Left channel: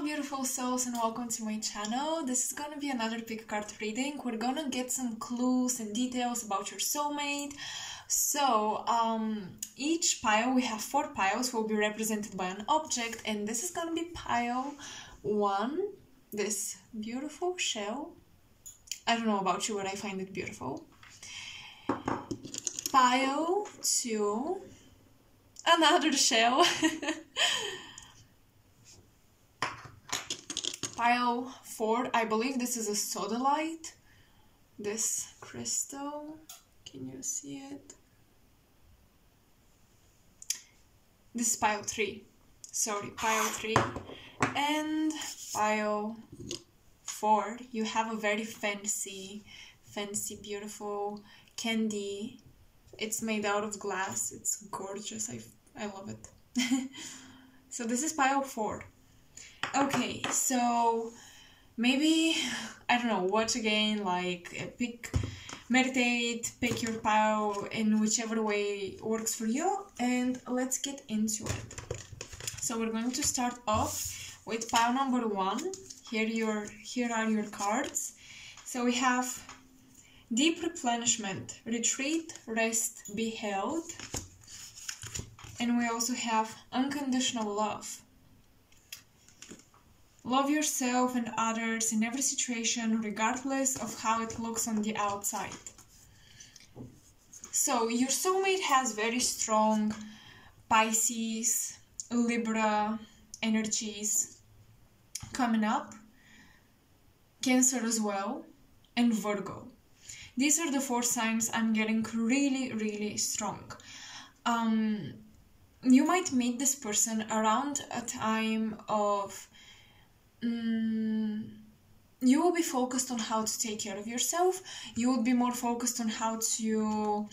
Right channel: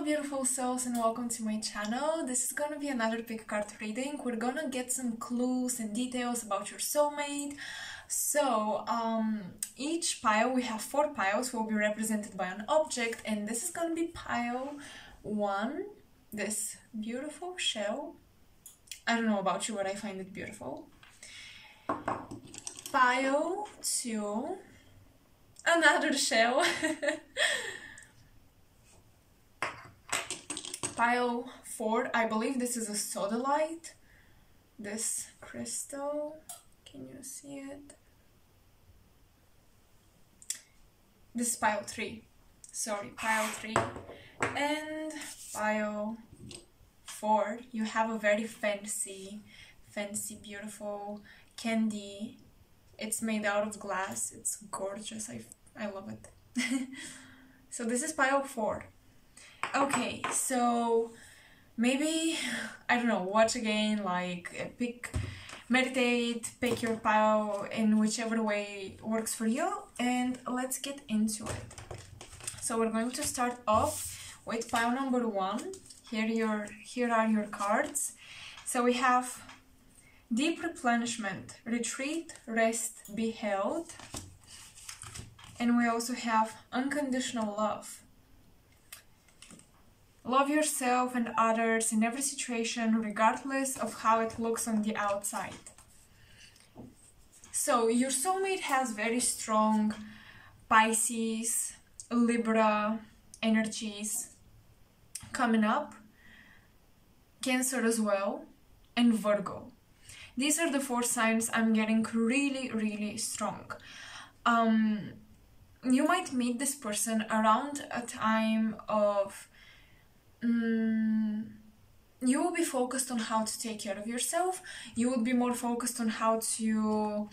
Hello beautiful souls and welcome to my channel. This is gonna be another pick card reading. We're gonna get some clues and details about your soulmate. So each pile, we have 4 piles, will be represented by an object, and this is gonna be pile 1, this beautiful shell. I don't know about you, but I find it beautiful. Pile 2, another shell. Pile 4, I believe this is a sodalite, this crystal, can you see it? This is pile 3, sorry, pile 3, and pile 4, you have a very fancy, beautiful candy. It's made out of glass, it's gorgeous, I love it. So this is pile 4. Okay, so maybe, I don't know, watch again, like meditate, pick your pile in whichever way works for you, and let's get into it. So we're going to start off with pile number 1. Here are your cards. So we have deep replenishment, retreat, rest, be held, and we also have unconditional love. Love yourself and others in every situation, regardless of how it looks on the outside. So your soulmate has very strong Pisces, Libra energies coming up, Cancer as well, and Virgo. These are the 4 signs I'm getting really strong. You might meet this person around a time of you will be focused on how to take care of yourself. You will be more focused on how to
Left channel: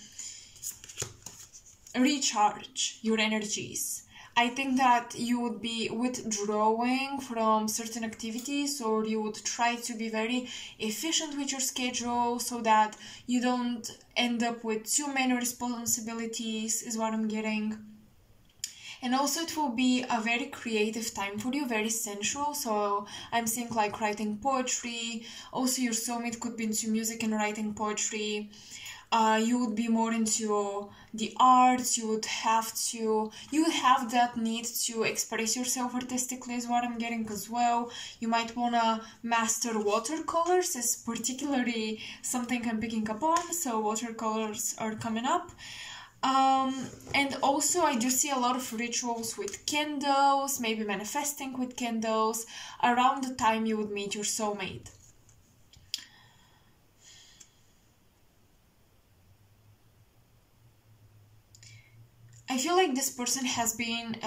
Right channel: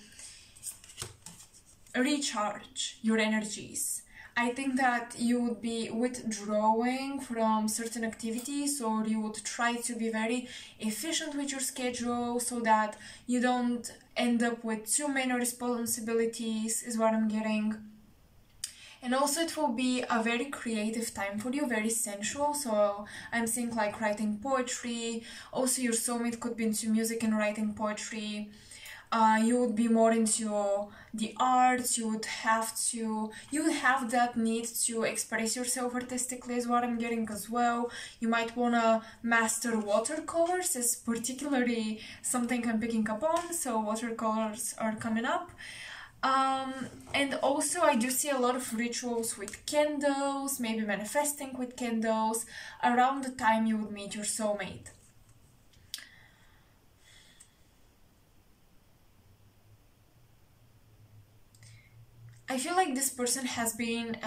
recharge your energies. I think that you would be withdrawing from certain activities, or you would try to be very efficient with your schedule so that you don't end up with too many responsibilities, is what I'm getting. And also it will be a very creative time for you, very sensual. So I'm seeing like writing poetry. Also your soulmate could be into music and writing poetry. You would be more into the arts. You would have that need to express yourself artistically, is what I'm getting as well. You might want to master watercolors, is particularly something I'm picking up on. So watercolors are coming up. And also I do see a lot of rituals with candles, maybe manifesting with candles around the time you would meet your soulmate. I feel like this person has been,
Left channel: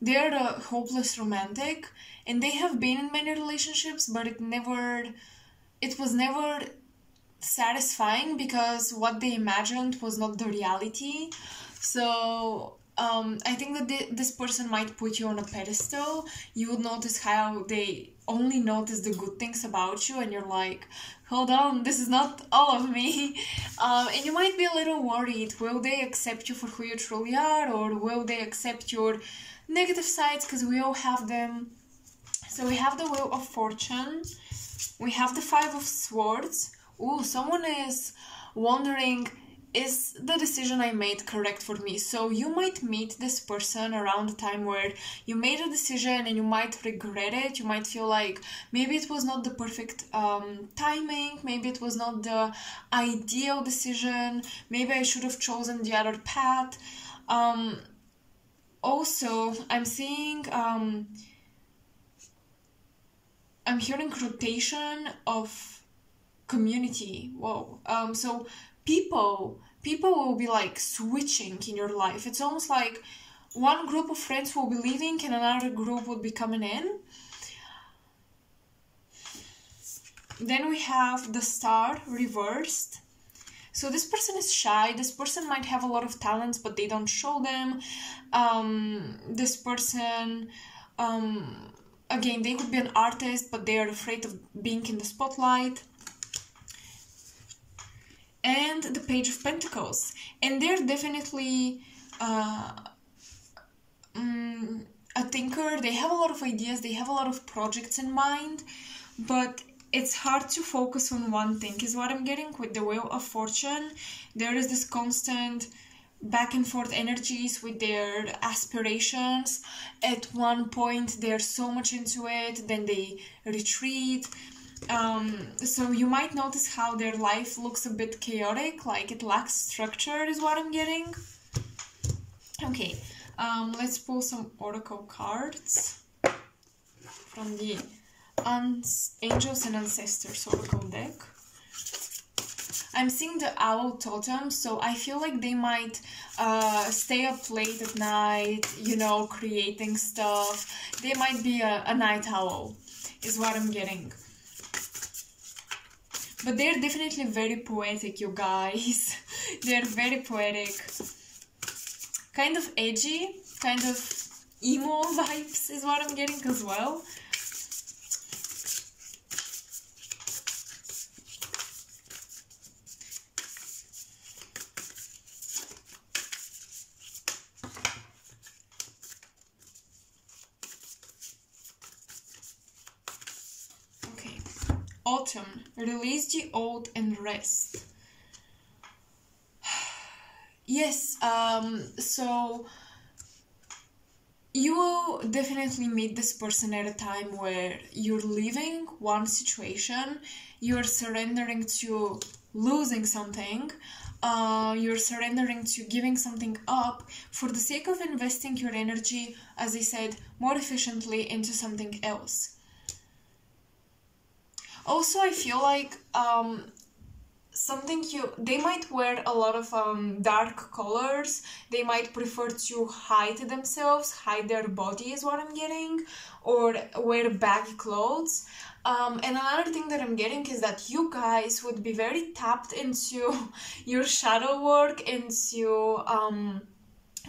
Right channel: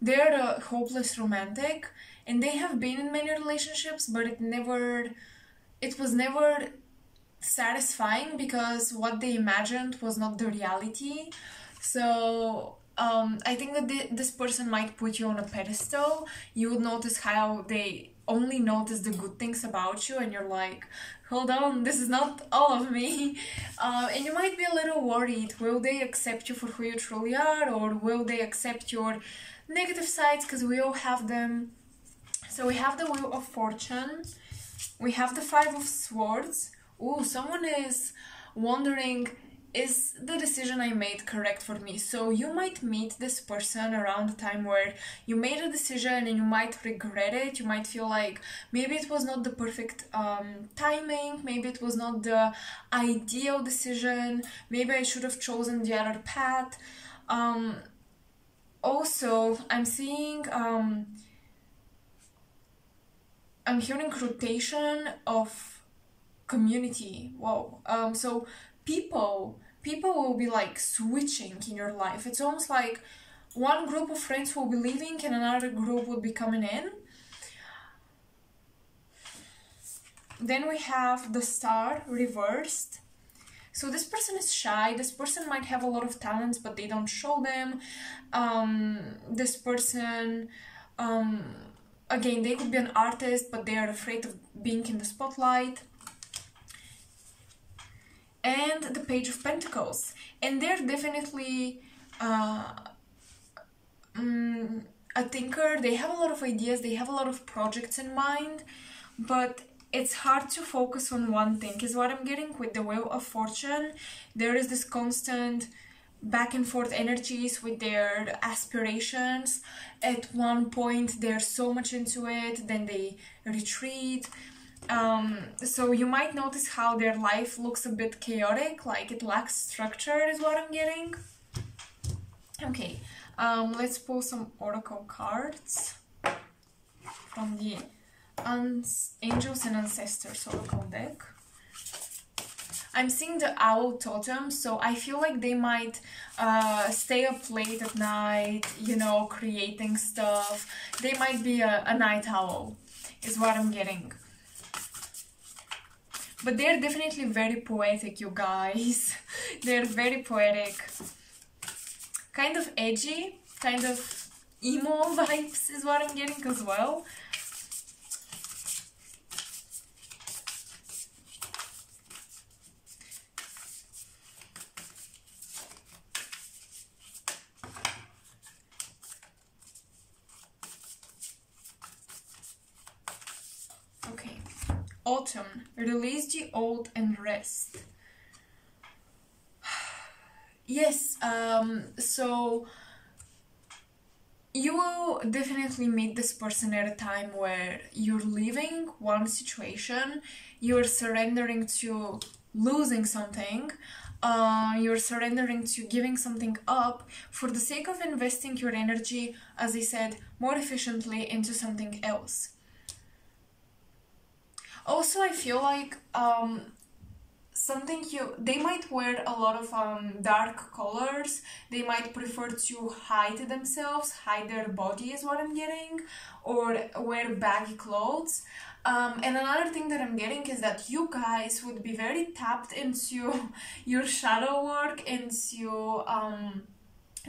they're a hopeless romantic, and they have been in many relationships, but it was never satisfying because what they imagined was not the reality. So I think that this person might put you on a pedestal. You would notice how they only notice the good things about you, and you're like, hold on, this is not all of me. And you might be a little worried, will they accept you for who you truly are, or will they accept your negative sides, because we all have them. So we have the Wheel of Fortune, we have the 5 of Swords. Oh, someone is wondering, is the decision I made correct for me? So you might meet this person around the time where you made a decision and you might regret it. You might feel like maybe it was not the perfect timing, maybe it was not the ideal decision, maybe I should have chosen the other path. Also, I'm seeing, I'm hearing rotation of community. Whoa. So people will be like switching in your life. It's almost like one group of friends will be leaving and another group will be coming in. Then we have the Star reversed. So this person is shy. This person might have a lot of talents, but they don't show them. This person, again, they could be an artist, but they are afraid of being in the spotlight. And the Page of Pentacles, and they're definitely a thinker. They have a lot of ideas, they have a lot of projects in mind, but it's hard to focus on one thing, is what I'm getting with the Wheel of Fortune. There is this constant back and forth energies with their aspirations. At one point they're so much into it, then they retreat. So you might notice how their life looks a bit chaotic, like it lacks structure, is what I'm getting. Okay, let's pull some oracle cards from the Angels and Ancestors oracle deck. I'm seeing the owl totem, so I feel like they might stay up late at night, you know, creating stuff. They might be a night owl, is what I'm getting. But they're definitely very poetic, you guys. They're very poetic. Kind of edgy, kind of emo vibes is what I'm getting as well. Autumn, release the old and rest. Yes, so you will definitely meet this person at a time where you're leaving one situation, you're surrendering to losing something, you're surrendering to giving something up for the sake of investing your energy, as I said, more efficiently into something else. Also, I feel like they might wear a lot of dark colors. They might prefer to hide themselves, hide their body is what I'm getting, or wear baggy clothes. And another thing that I'm getting is that you guys would be very tapped into your shadow work, into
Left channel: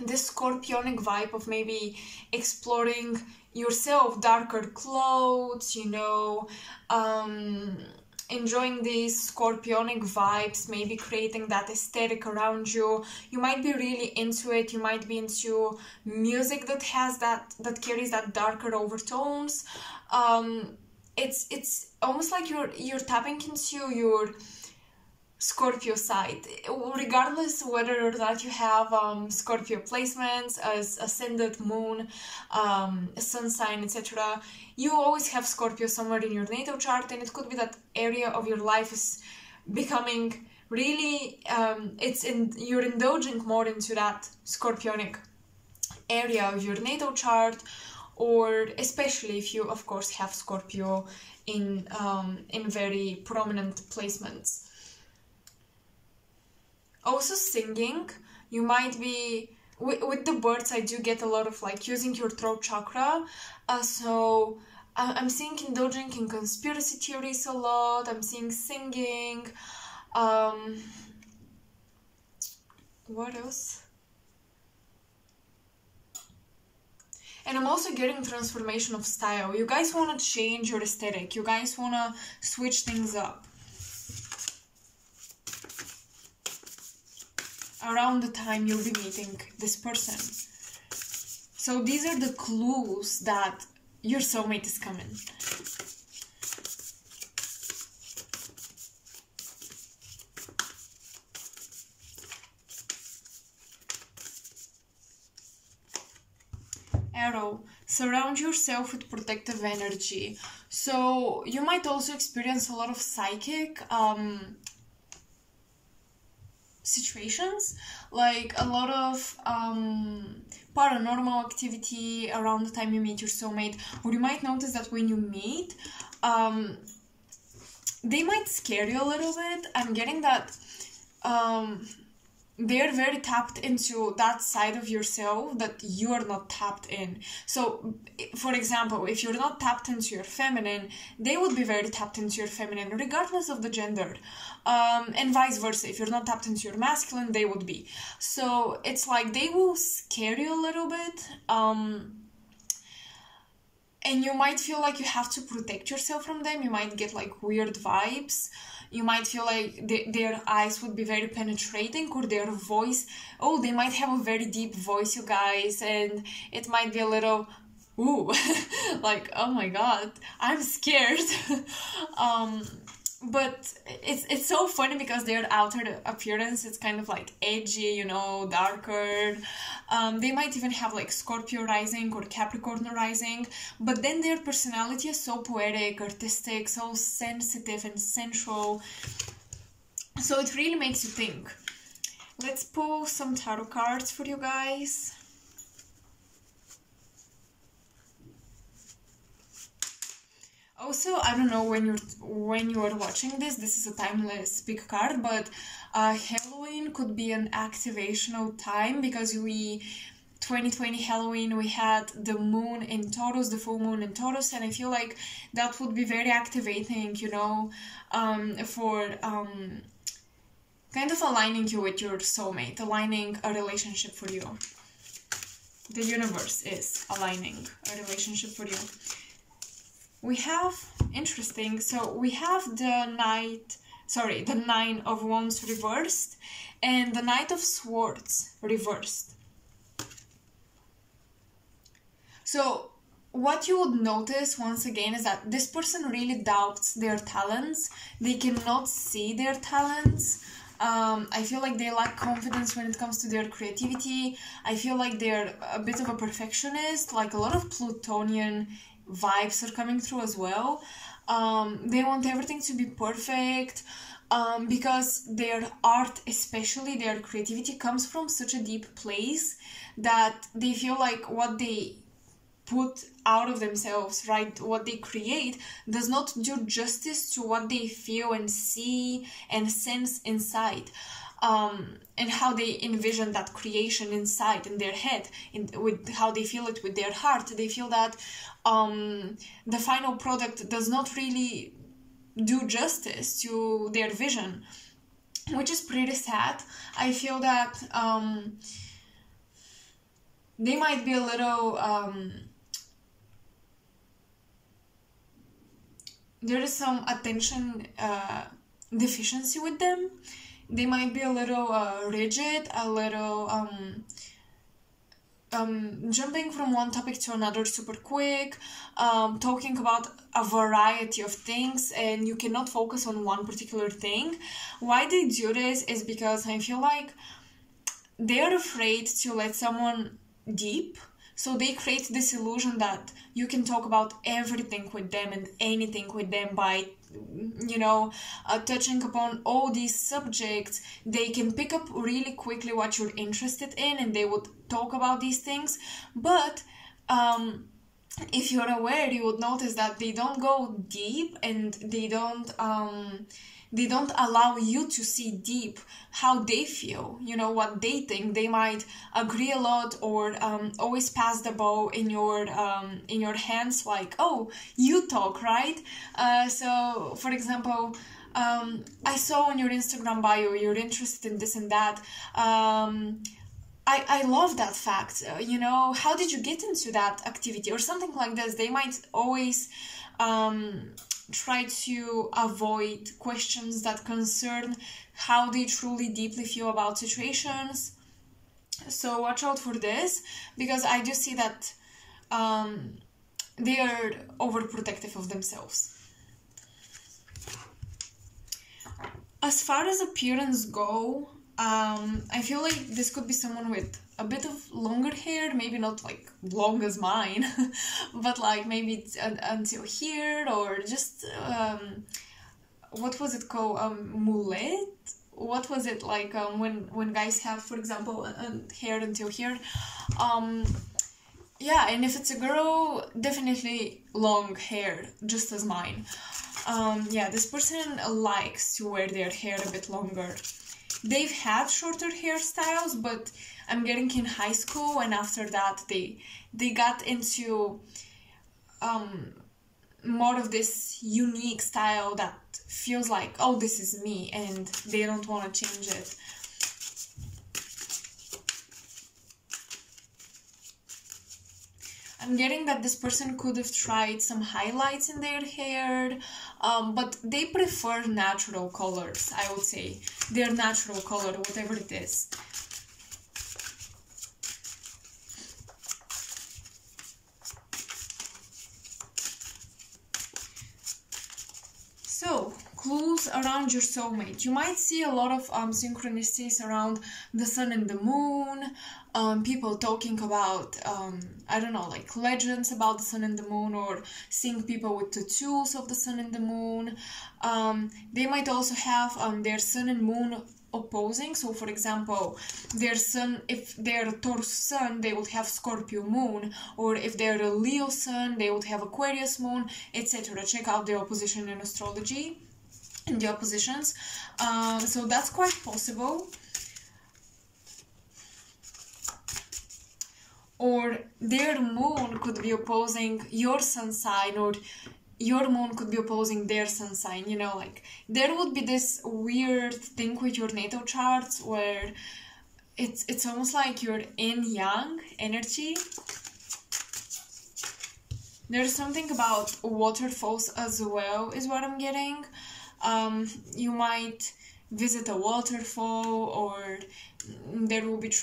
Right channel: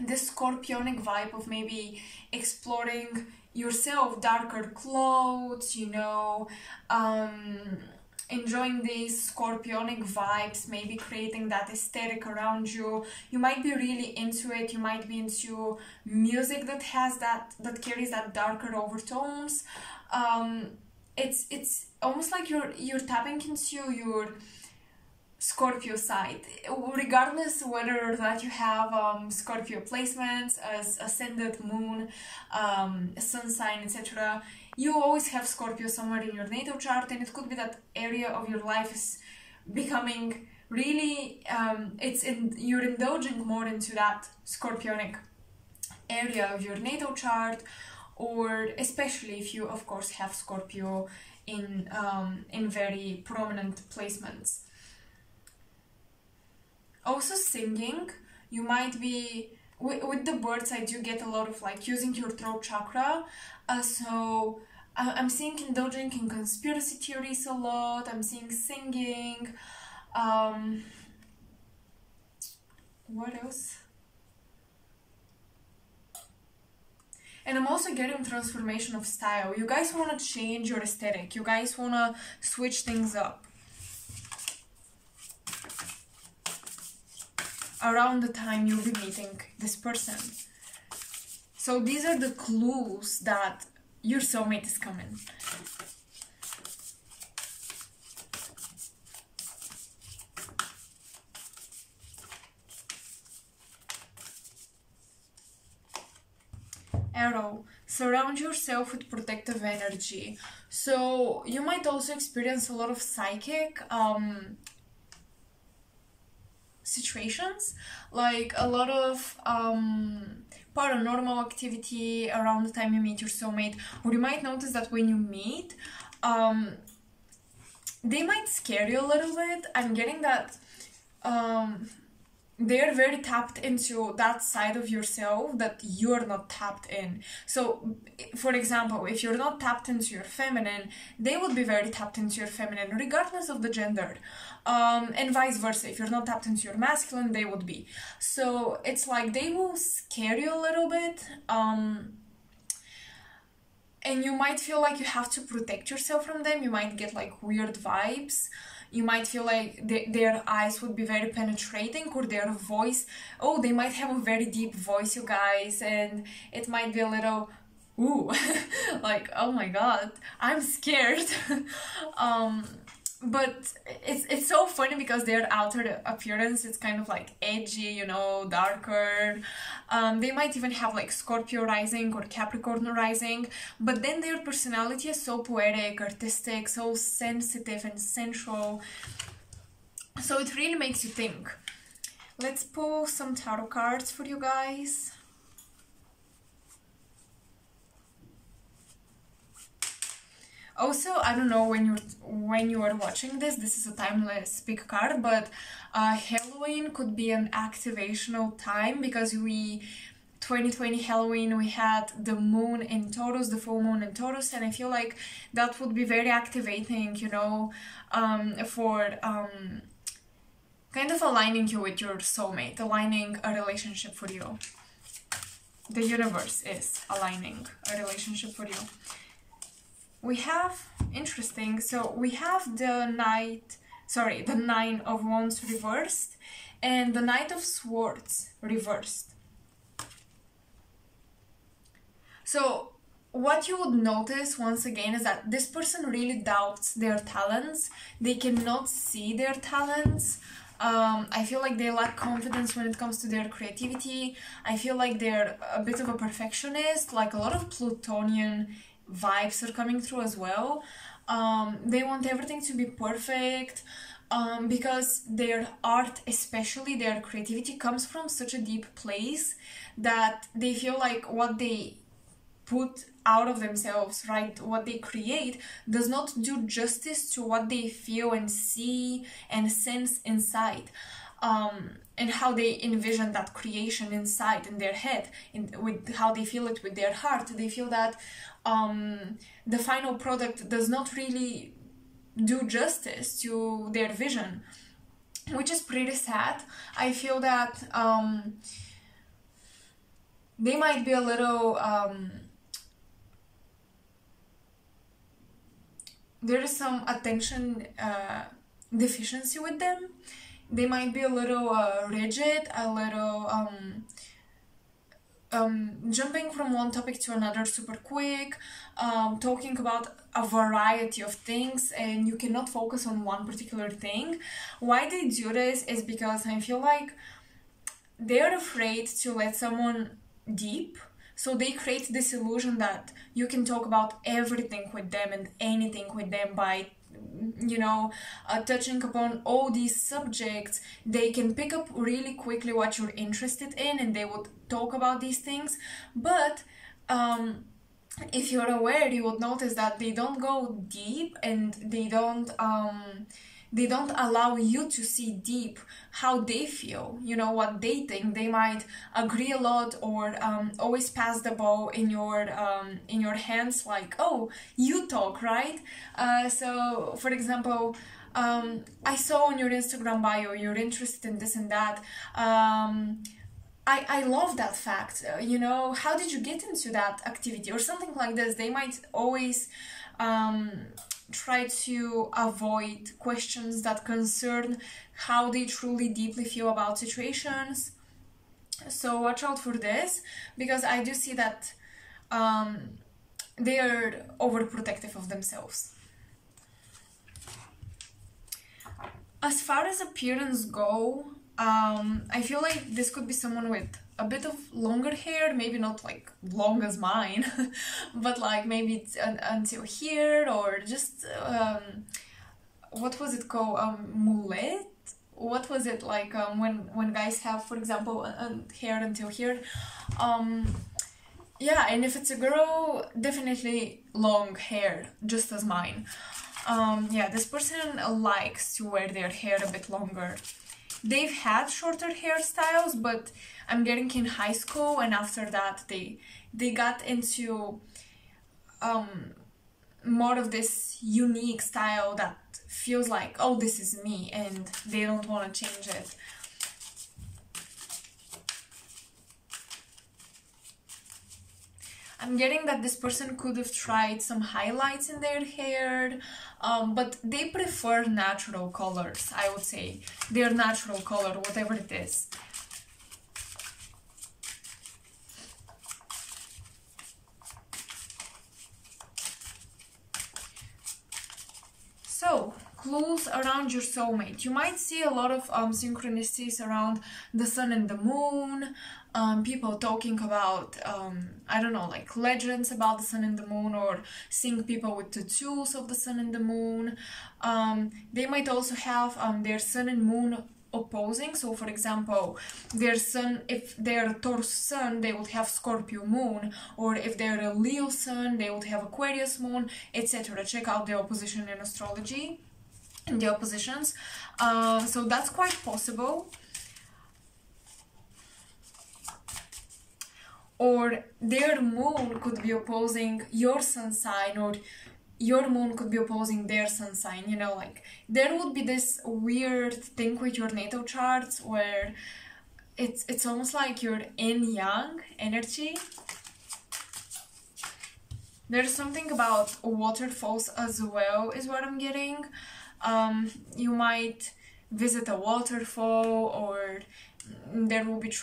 this scorpionic vibe of maybe exploring yourself, darker clothes, you know, enjoying these scorpionic vibes, maybe creating that aesthetic around you. You might be really into it. You might be into music that has that carries that darker overtones. It's almost like you're tapping into your Scorpio side, regardless whether or not you have Scorpio placements as ascendant moon, sun sign, etc. You always have Scorpio somewhere in your natal chart, and it could be that area of your life is becoming really you're indulging more into that scorpionic area of your natal chart, or especially if you of course have Scorpio in very prominent placements. Also singing, you might be, with the birds I do get a lot of like using your throat chakra, so I'm seeing indulging in conspiracy theories a lot, I'm seeing singing, what else? And I'm also getting transformation of style. You guys want to change your aesthetic, you guys want to switch things up. Around the time you'll be meeting this person. So these are the clues that your soulmate is coming. Arrow, surround yourself with protective energy. So you might also experience a lot of psychic situations, like a lot of paranormal activity around the time you meet your soulmate, or you might notice that when you meet, they might scare you a little bit. I'm getting that they're very tapped into that side of yourself that you're not tapped in. So, for example, if you're not tapped into your feminine, they would be very tapped into your feminine, regardless of the gender. And vice versa. If you're not tapped into your masculine, they would be. So, it's like they will scare you a little bit. And you might feel like you have to protect yourself from them. You might get like weird vibes. You might feel like their eyes would be very penetrating, or their voice, oh, they might have a very deep voice, you guys, and it might be a little ooh, like, oh my god, I'm scared. um, but it's so funny because their outer appearance is kind of like edgy, you know, darker. They might even have like Scorpio rising or Capricorn rising, but then their personality is so poetic, artistic, so sensitive and sensual. So it really makes you think. Let's pull some tarot cards for you guys. Also, I don't know when you are watching this is a timeless big card, but Halloween could be an activational time because 2020 Halloween, we had the moon in Taurus, the full moon in Taurus, and I feel like that would be very activating, you know, for kind of aligning you with your soulmate, aligning a relationship for you. The universe is aligning a relationship for you. We have, interesting, so we have the Nine of Wands reversed and the Knight of Swords reversed. So what you would notice once again is that this person really doubts their talents. They cannot see their talents. I feel like they lack confidence when it comes to their creativity. I feel like they're a bit of a perfectionist, like a lot of Plutonian vibes are coming through as well. They want everything to be perfect because their art, especially their creativity, comes from such a deep place that they feel like what they put out of themselves, right, what they create, does not do justice to what they feel and see and sense inside. And how they envision that creation inside in their head, with how they feel it with their heart. They feel that the final product does not really do justice to their vision, which is pretty sad. I feel that they might be a little there is some attention deficiency with them. They might be a little rigid, a little jumping from one topic to another super quick, talking about a variety of things, and you cannot focus on one particular thing. Why they do this is because I feel like they are afraid to let someone deep. So they create this illusion that you can talk about everything with them and anything with them by, you know, touching upon all these subjects. They can pick up really quickly what you're interested in and they would talk about these things. But if you're aware, you would notice that they don't go deep and they don't allow you to see deep how they feel, you know, what they think. They might agree a lot or always pass the ball in your hands, like, oh, you talk, right? So for example, I saw on your Instagram bio you're interested in this and that. I love that fact. You know, how did you get into that activity or something like this? They might always try to avoid questions that concern how they truly deeply feel about situations. So watch out for this, because I do see that they are overprotective of themselves. As far as appearance go, I feel like this could be someone with a bit of longer hair, maybe not like long as mine, but like maybe it's until here, or just what was it called, mullet? What was it like when guys have, for example, hair until here? Yeah, and if it's a girl, definitely long hair, just as mine. Yeah, this person likes to wear their hair a bit longer. They've had shorter hairstyles, but I'm getting in high school, and after that they got into more of this unique style that feels like, oh, this is me, and they don't want to change it. I'm getting that this person could have tried some highlights in their hair, but they prefer natural colors, I would say. Their natural color, whatever it is. clues around your soulmate. You might see a lot of synchronicities around the sun and the moon, people talking about, I don't know, like legends about the sun and the moon, or seeing people with tattoos of the sun and the moon. They might also have their sun and moon opposing. So for example, their sun, if they're a Taurus sun, they would have Scorpio moon, or if they're a Leo sun, they would have Aquarius moon, etc. Check out the opposition in astrology and the oppositions. So that's quite possible. Or their moon could be opposing your sun sign, or your moon could be opposing their sun sign. You know, like there would be this weird thing with your natal charts where it's almost like your yin yang energy. There's something about waterfalls as well, is what I'm getting. You might visit a waterfall, or there will be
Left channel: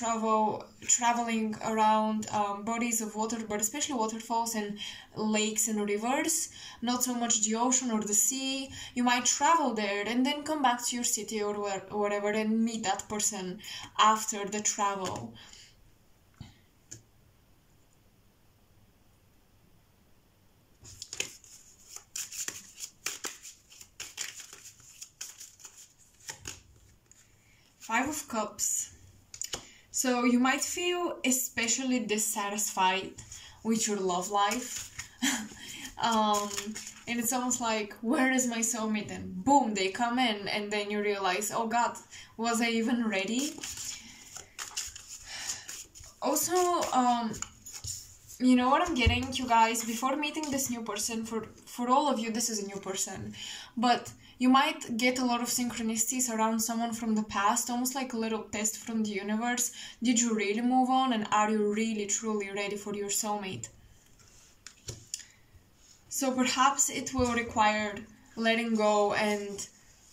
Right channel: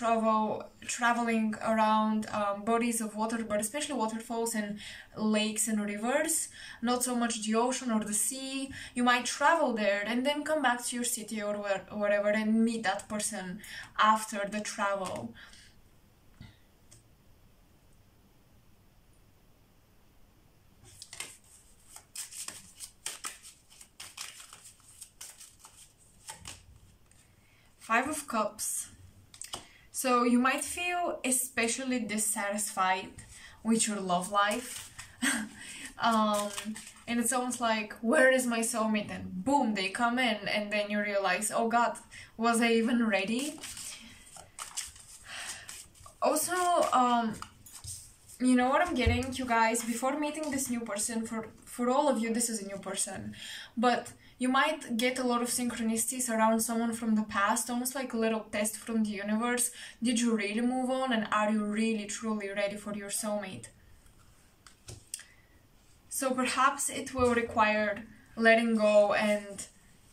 traveling around bodies of water, but especially waterfalls and lakes and rivers, not so much the ocean or the sea. You might travel there and then come back to your city or wherever and meet that person after the travel. Five of Cups. So you might feel especially dissatisfied with your love life. And it's almost like, where is my soulmate? And boom, they come in, and then you realize, oh God, was I even ready? Also, you know what I'm getting, you guys, before meeting this new person, for all of you, this is a new person, but you might get a lot of synchronicities around someone from the past, almost like a little test from the universe. Did you really move on, and are you really truly ready for your soulmate? So perhaps it will require letting go and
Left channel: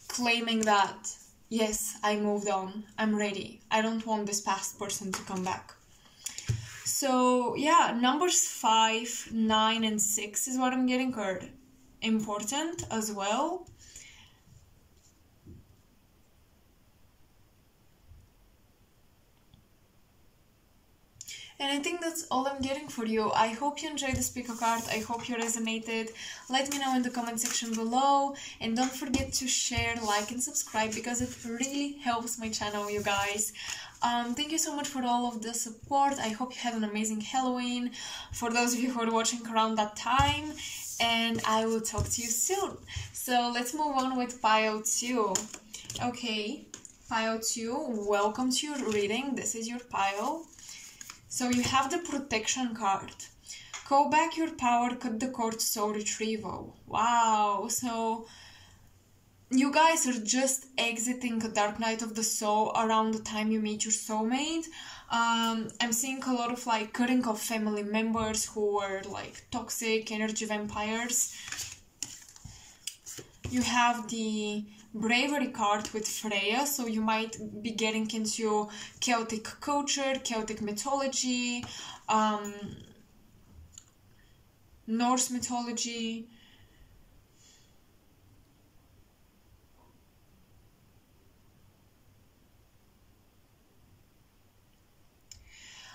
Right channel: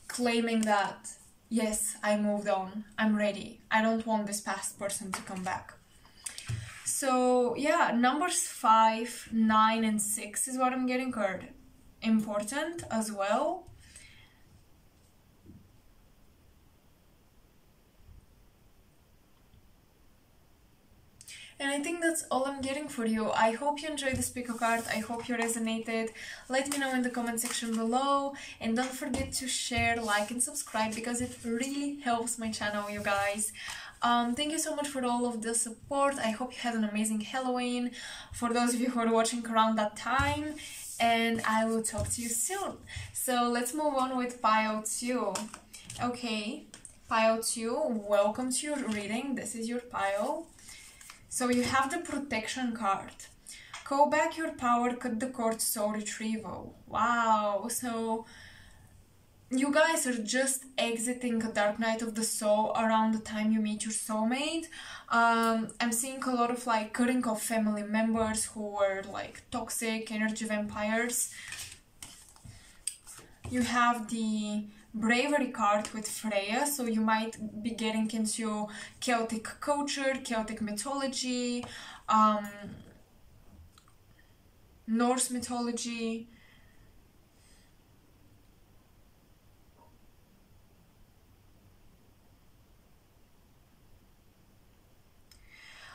claiming that, yes, I moved on, I'm ready, I don't want this past person to come back. So yeah, numbers 5, 9, and 6 is what I'm getting, are important as well. And I think that's all I'm getting for you. I hope you enjoyed this pick a card. I hope you resonated. Let me know in the comment section below. And don't forget to share, like, and subscribe, because it really helps my channel, you guys. Thank you so much for all of the support. I hope you had an amazing Halloween, for those of you who are watching around that time. And I will talk to you soon. So let's move on with pile 2. Okay, pile 2, welcome to your reading. This is your pile. So you have the protection card. Call back your power, cut the cord, soul retrieval. Wow, so you guys are just exiting a dark night of the soul around the time you meet your soulmate. I'm seeing a lot of like cutting off family members who were like toxic energy vampires. You have the bravery card with Freya, so you might be getting into Celtic culture, Celtic mythology, Norse mythology.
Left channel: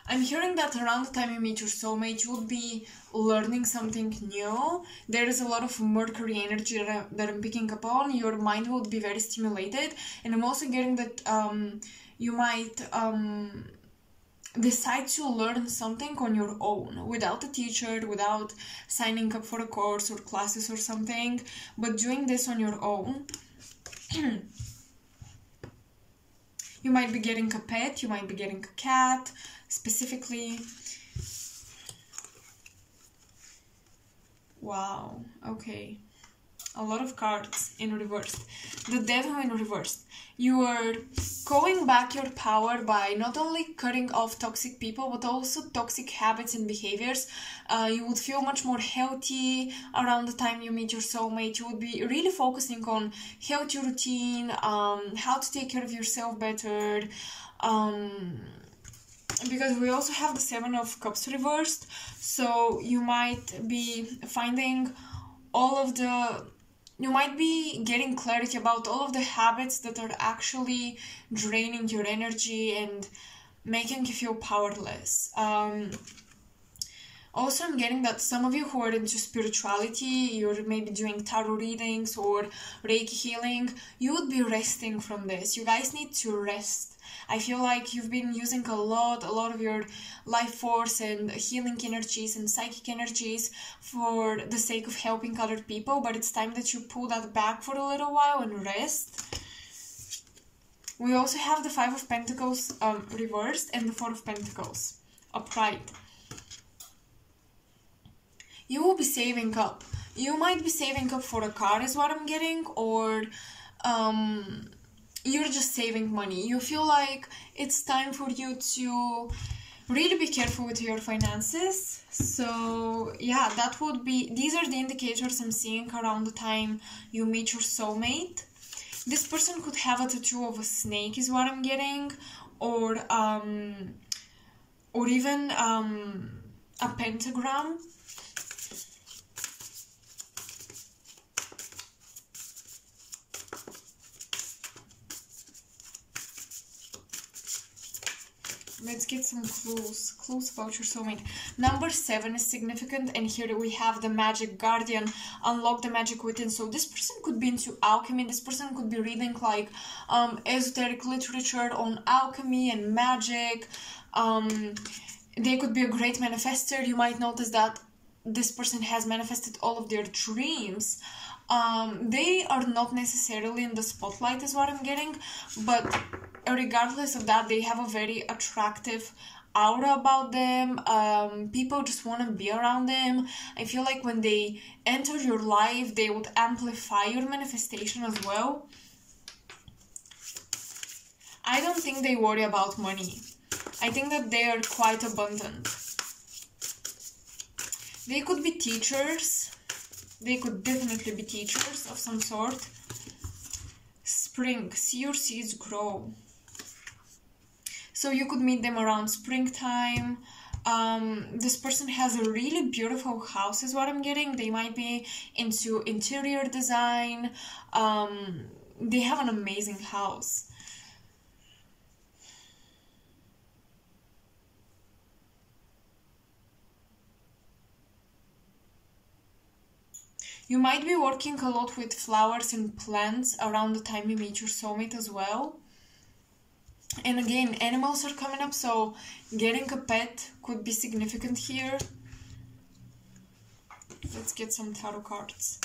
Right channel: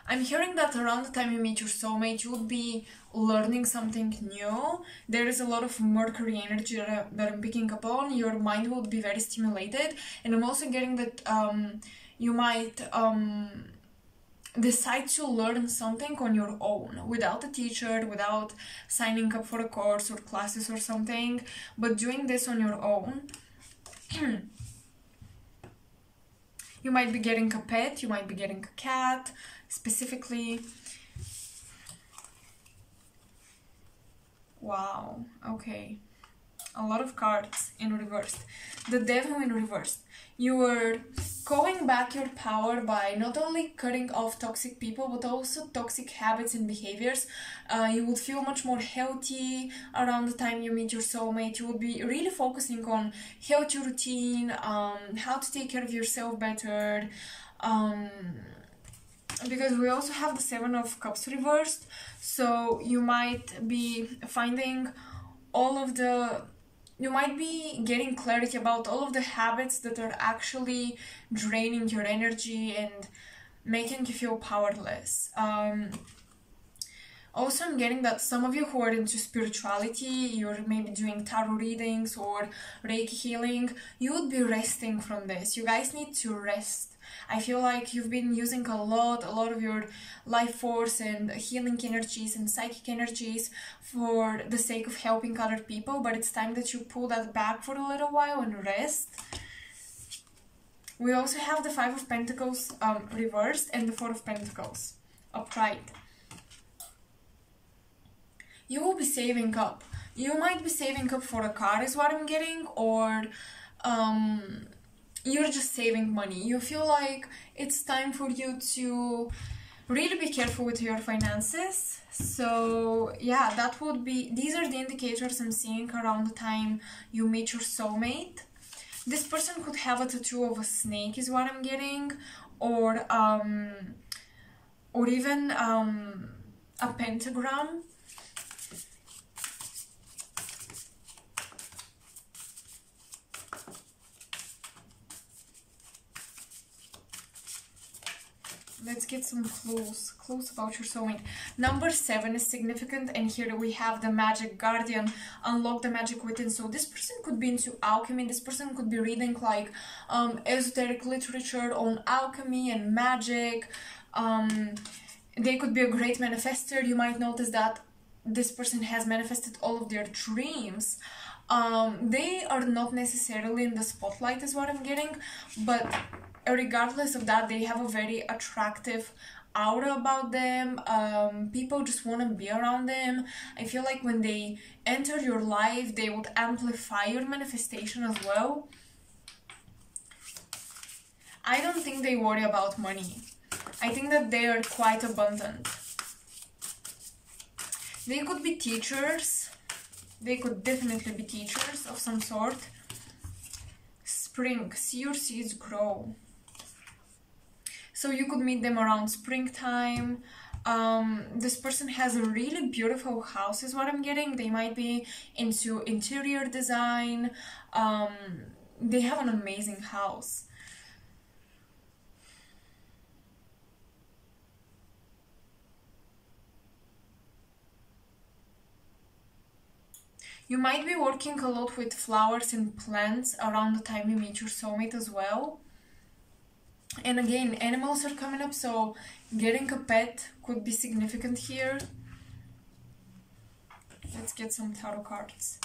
I'm hearing that around the time you meet your soulmate, you would be learning something new. There is a lot of Mercury energy that I'm picking up on. Your mind will be very stimulated. And I'm also getting that you might decide to learn something on your own, without a teacher, without signing up for a course or classes or something, but doing this on your own. You might be getting a pet, you might be getting a cat, specifically. Wow, okay. A lot of cards in reverse. The Devil in reverse. You are calling back your power by not only cutting off toxic people, but also toxic habits and behaviors. You would feel much more healthy around the time you meet your soulmate. You would be really focusing on healthy routine, how to take care of yourself better. Because we also have the Seven of Cups reversed, so you might be finding all of the You might be getting clarity about all of the habits that are actually draining your energy and making you feel powerless. Also, I'm getting that some of you who are into spirituality, you're maybe doing tarot readings or Reiki healing, you would be resting from this. You guys need to rest. I feel like you've been using a lot of your life force and healing energies and psychic energies for the sake of helping other people, but it's time that you pull that back for a little while and rest. We also have the Five of Pentacles reversed and the Four of Pentacles upright. You will be saving up. You might be saving up for a car is what I'm getting, or you're just saving money. You feel like it's time for you to really be careful with your finances. So yeah, that would be, these are the indicators I'm seeing around the time you meet your soulmate. This person could have a tattoo of a snake is what I'm getting, or even a pentagram. Let's get some clues about your soulmate. Number 7 is significant, and here we have the Magic Guardian, unlock the magic within. So this person could be into alchemy. This person could be reading like esoteric literature on alchemy and magic. They could be a great manifester. You might notice that this person has manifested all of their dreams. They are not necessarily in the spotlight is what I'm getting, but regardless of that, they have a very attractive aura about them. People just want to be around them. I feel like when they enter your life, they would amplify your manifestation as well. I don't think they worry about money. I think that they are quite abundant. They could be teachers. They could definitely be teachers of some sort. Spring, see your seeds grow. So you could meet them around springtime. This person has a really beautiful house is what I'm getting. They might be into interior design. They have an amazing house. You might be working a lot with flowers and plants around the time you meet your soulmate as well. And again, animals are coming up, so getting a pet could be significant here. Let's get some tarot cards.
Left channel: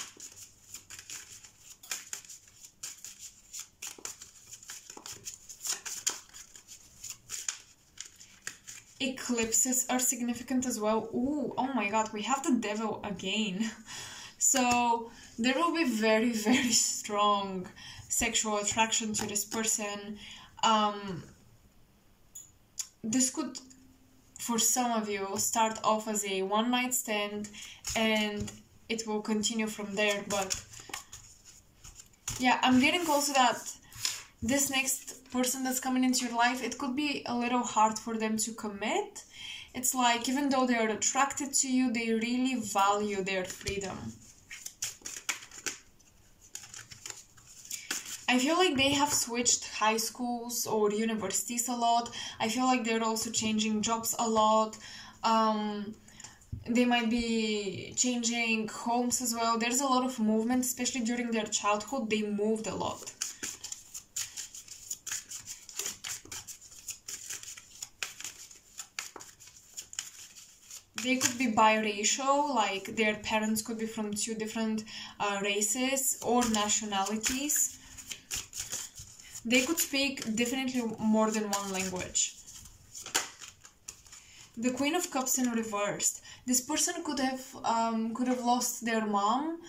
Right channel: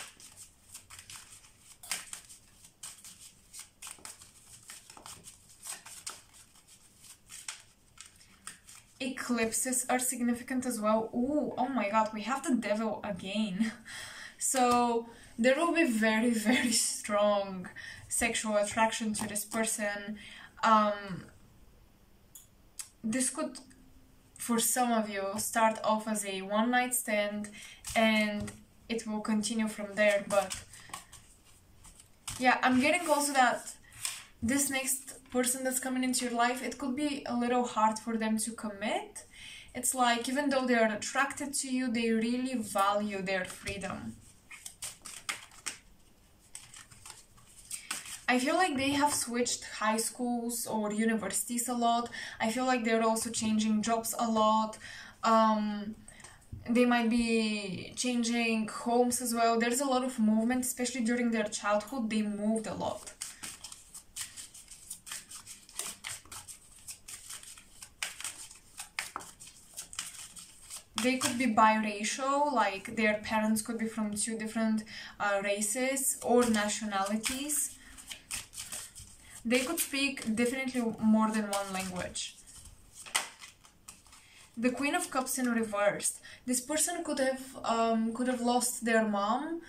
Eclipses are significant as well. Ooh, oh my god, we have the devil again. So there will be very, very strong sexual attraction to this person. This could, for some of you, start off as a one-night stand and it will continue from there. But yeah, I'm getting also that this next person that's coming into your life, it could be a little hard for them to commit. It's like, even though they are attracted to you, they really value their freedom. I feel like they have switched high schools or universities a lot. I feel like they're also changing jobs a lot. They might be changing homes as well. There's a lot of movement, especially during their childhood. They moved a lot. They could be biracial, like their parents could be from two different races or nationalities. They could speak definitely more than one language. The Queen of Cups in reversed. This person could have lost their mom.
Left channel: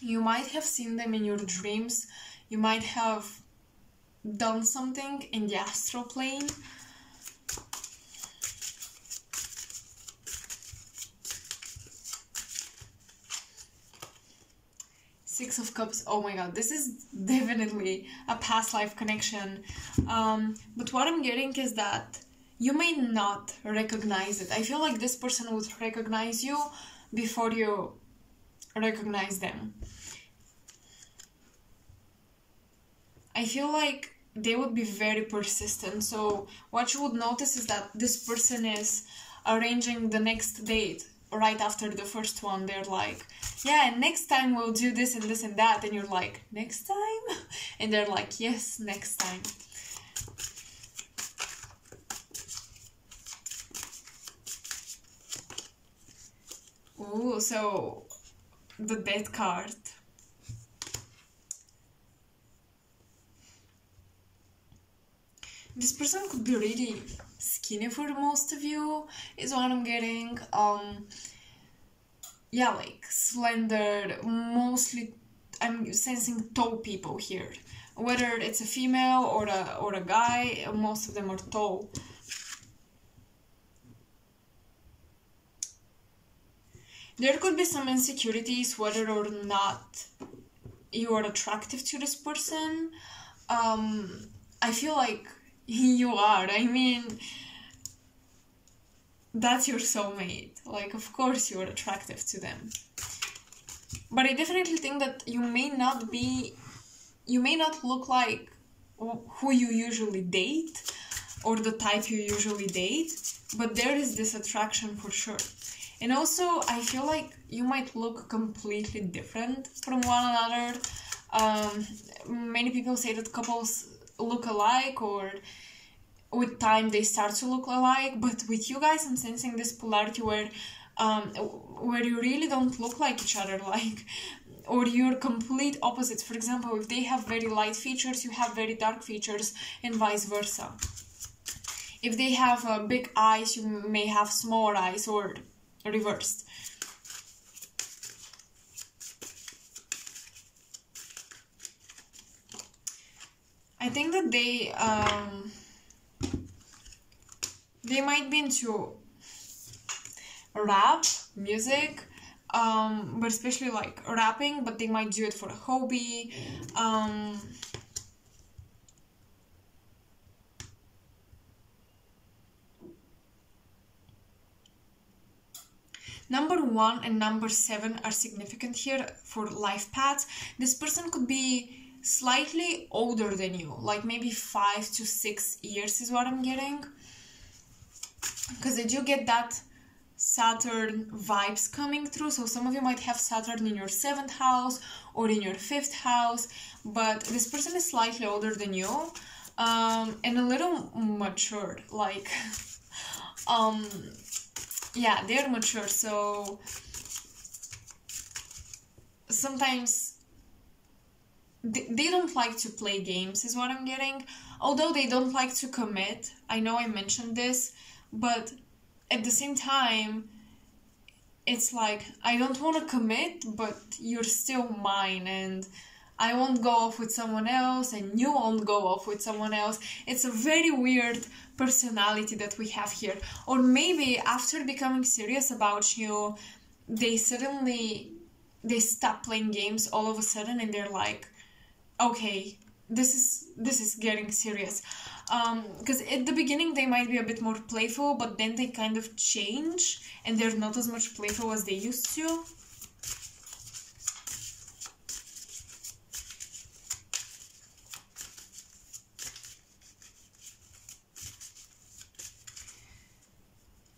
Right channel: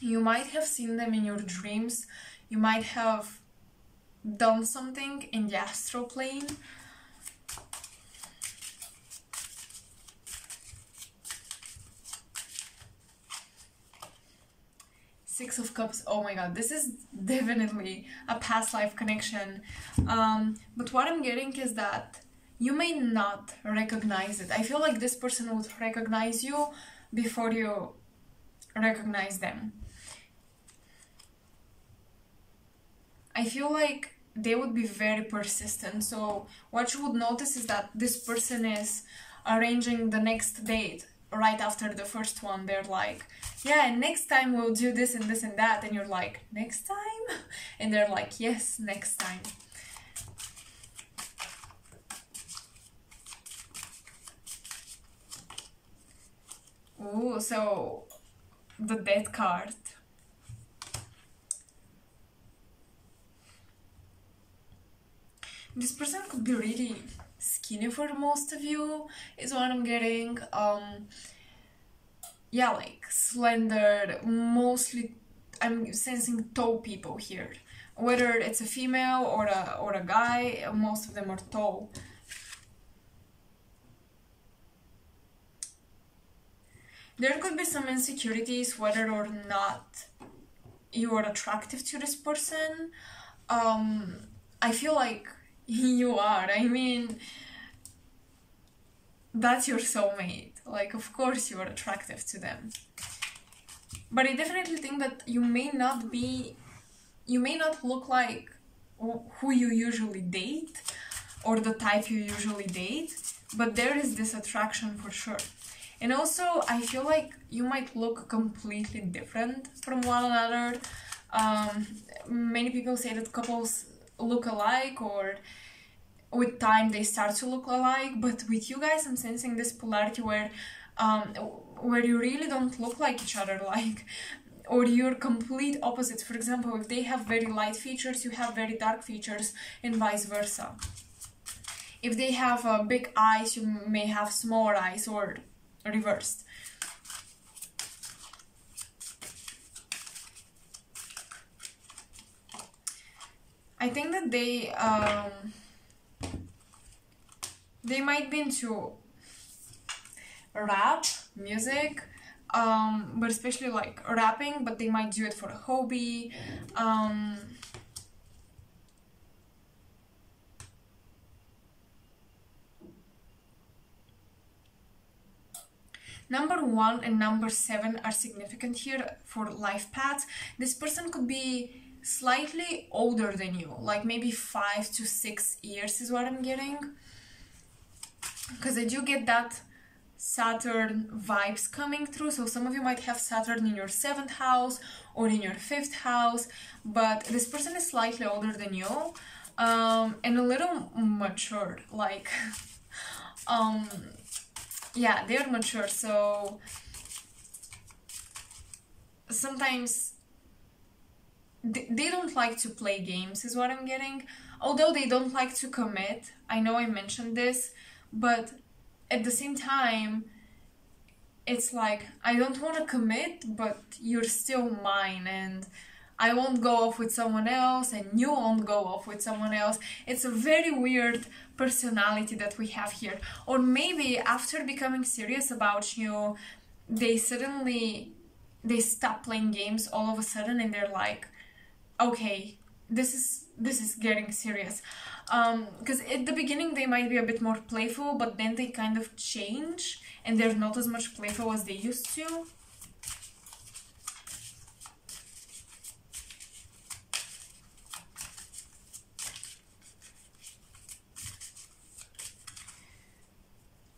You might have seen them in your dreams. You might have done something in the astral plane. Six of Cups. Oh my god, this is definitely a past life connection. But what I'm getting is that you may not recognize it. I feel like this person would recognize you before you recognize them. I feel like they would be very persistent. So what you would notice is that this person is arranging the next date right after the first one. They're like, yeah, and next time we'll do this and this and that. And you're like, next time? And they're like, yes, next time. Ooh, so the Death card. This person could be really skinny for most of you, is what I'm getting. Yeah, like slender, mostly I'm sensing tall people here. Whether it's a female or a guy, most of them are tall. There could be some insecurities whether or not you are attractive to this person. I feel like you are. I mean, that's your soulmate. Like, of course you are attractive to them. But I definitely think that you may not look like who you usually date or the type you usually date, but there is this attraction for sure. And also, I feel like you might look completely different from one another. Many people say that couples look alike, or with time they start to look alike, but with you guys I'm sensing this polarity where you really don't look like each other, like, or you're complete opposites. For example, if they have very light features, you have very dark features, and vice versa. If they have big eyes, you may have smaller eyes, or reversed. I think that they might be into rap music, but especially like rapping, but they might do it for a hobby. Number 1 and number 7 are significant here for life paths. This person could be slightly older than you, like maybe 5 to 6 years is what I'm getting. Because I do get that Saturn vibes coming through. So some of you might have Saturn in your 7th house or in your 5th house, but this person is slightly older than you, and a little mature, like yeah, they're mature. So sometimes they don't like to play games is what I'm getting, although they don't like to commit. I know I mentioned this, but at the same time it's like, I don't want to commit, but you're still mine, and I won't go off with someone else and you won't go off with someone else. It's a very weird personality that we have here. Or maybe after becoming serious about you, they stop playing games all of a sudden, and they're like, okay, this is getting serious. Because at the beginning they might be a bit more playful, but then they kind of change and they're not as much playful as they used to.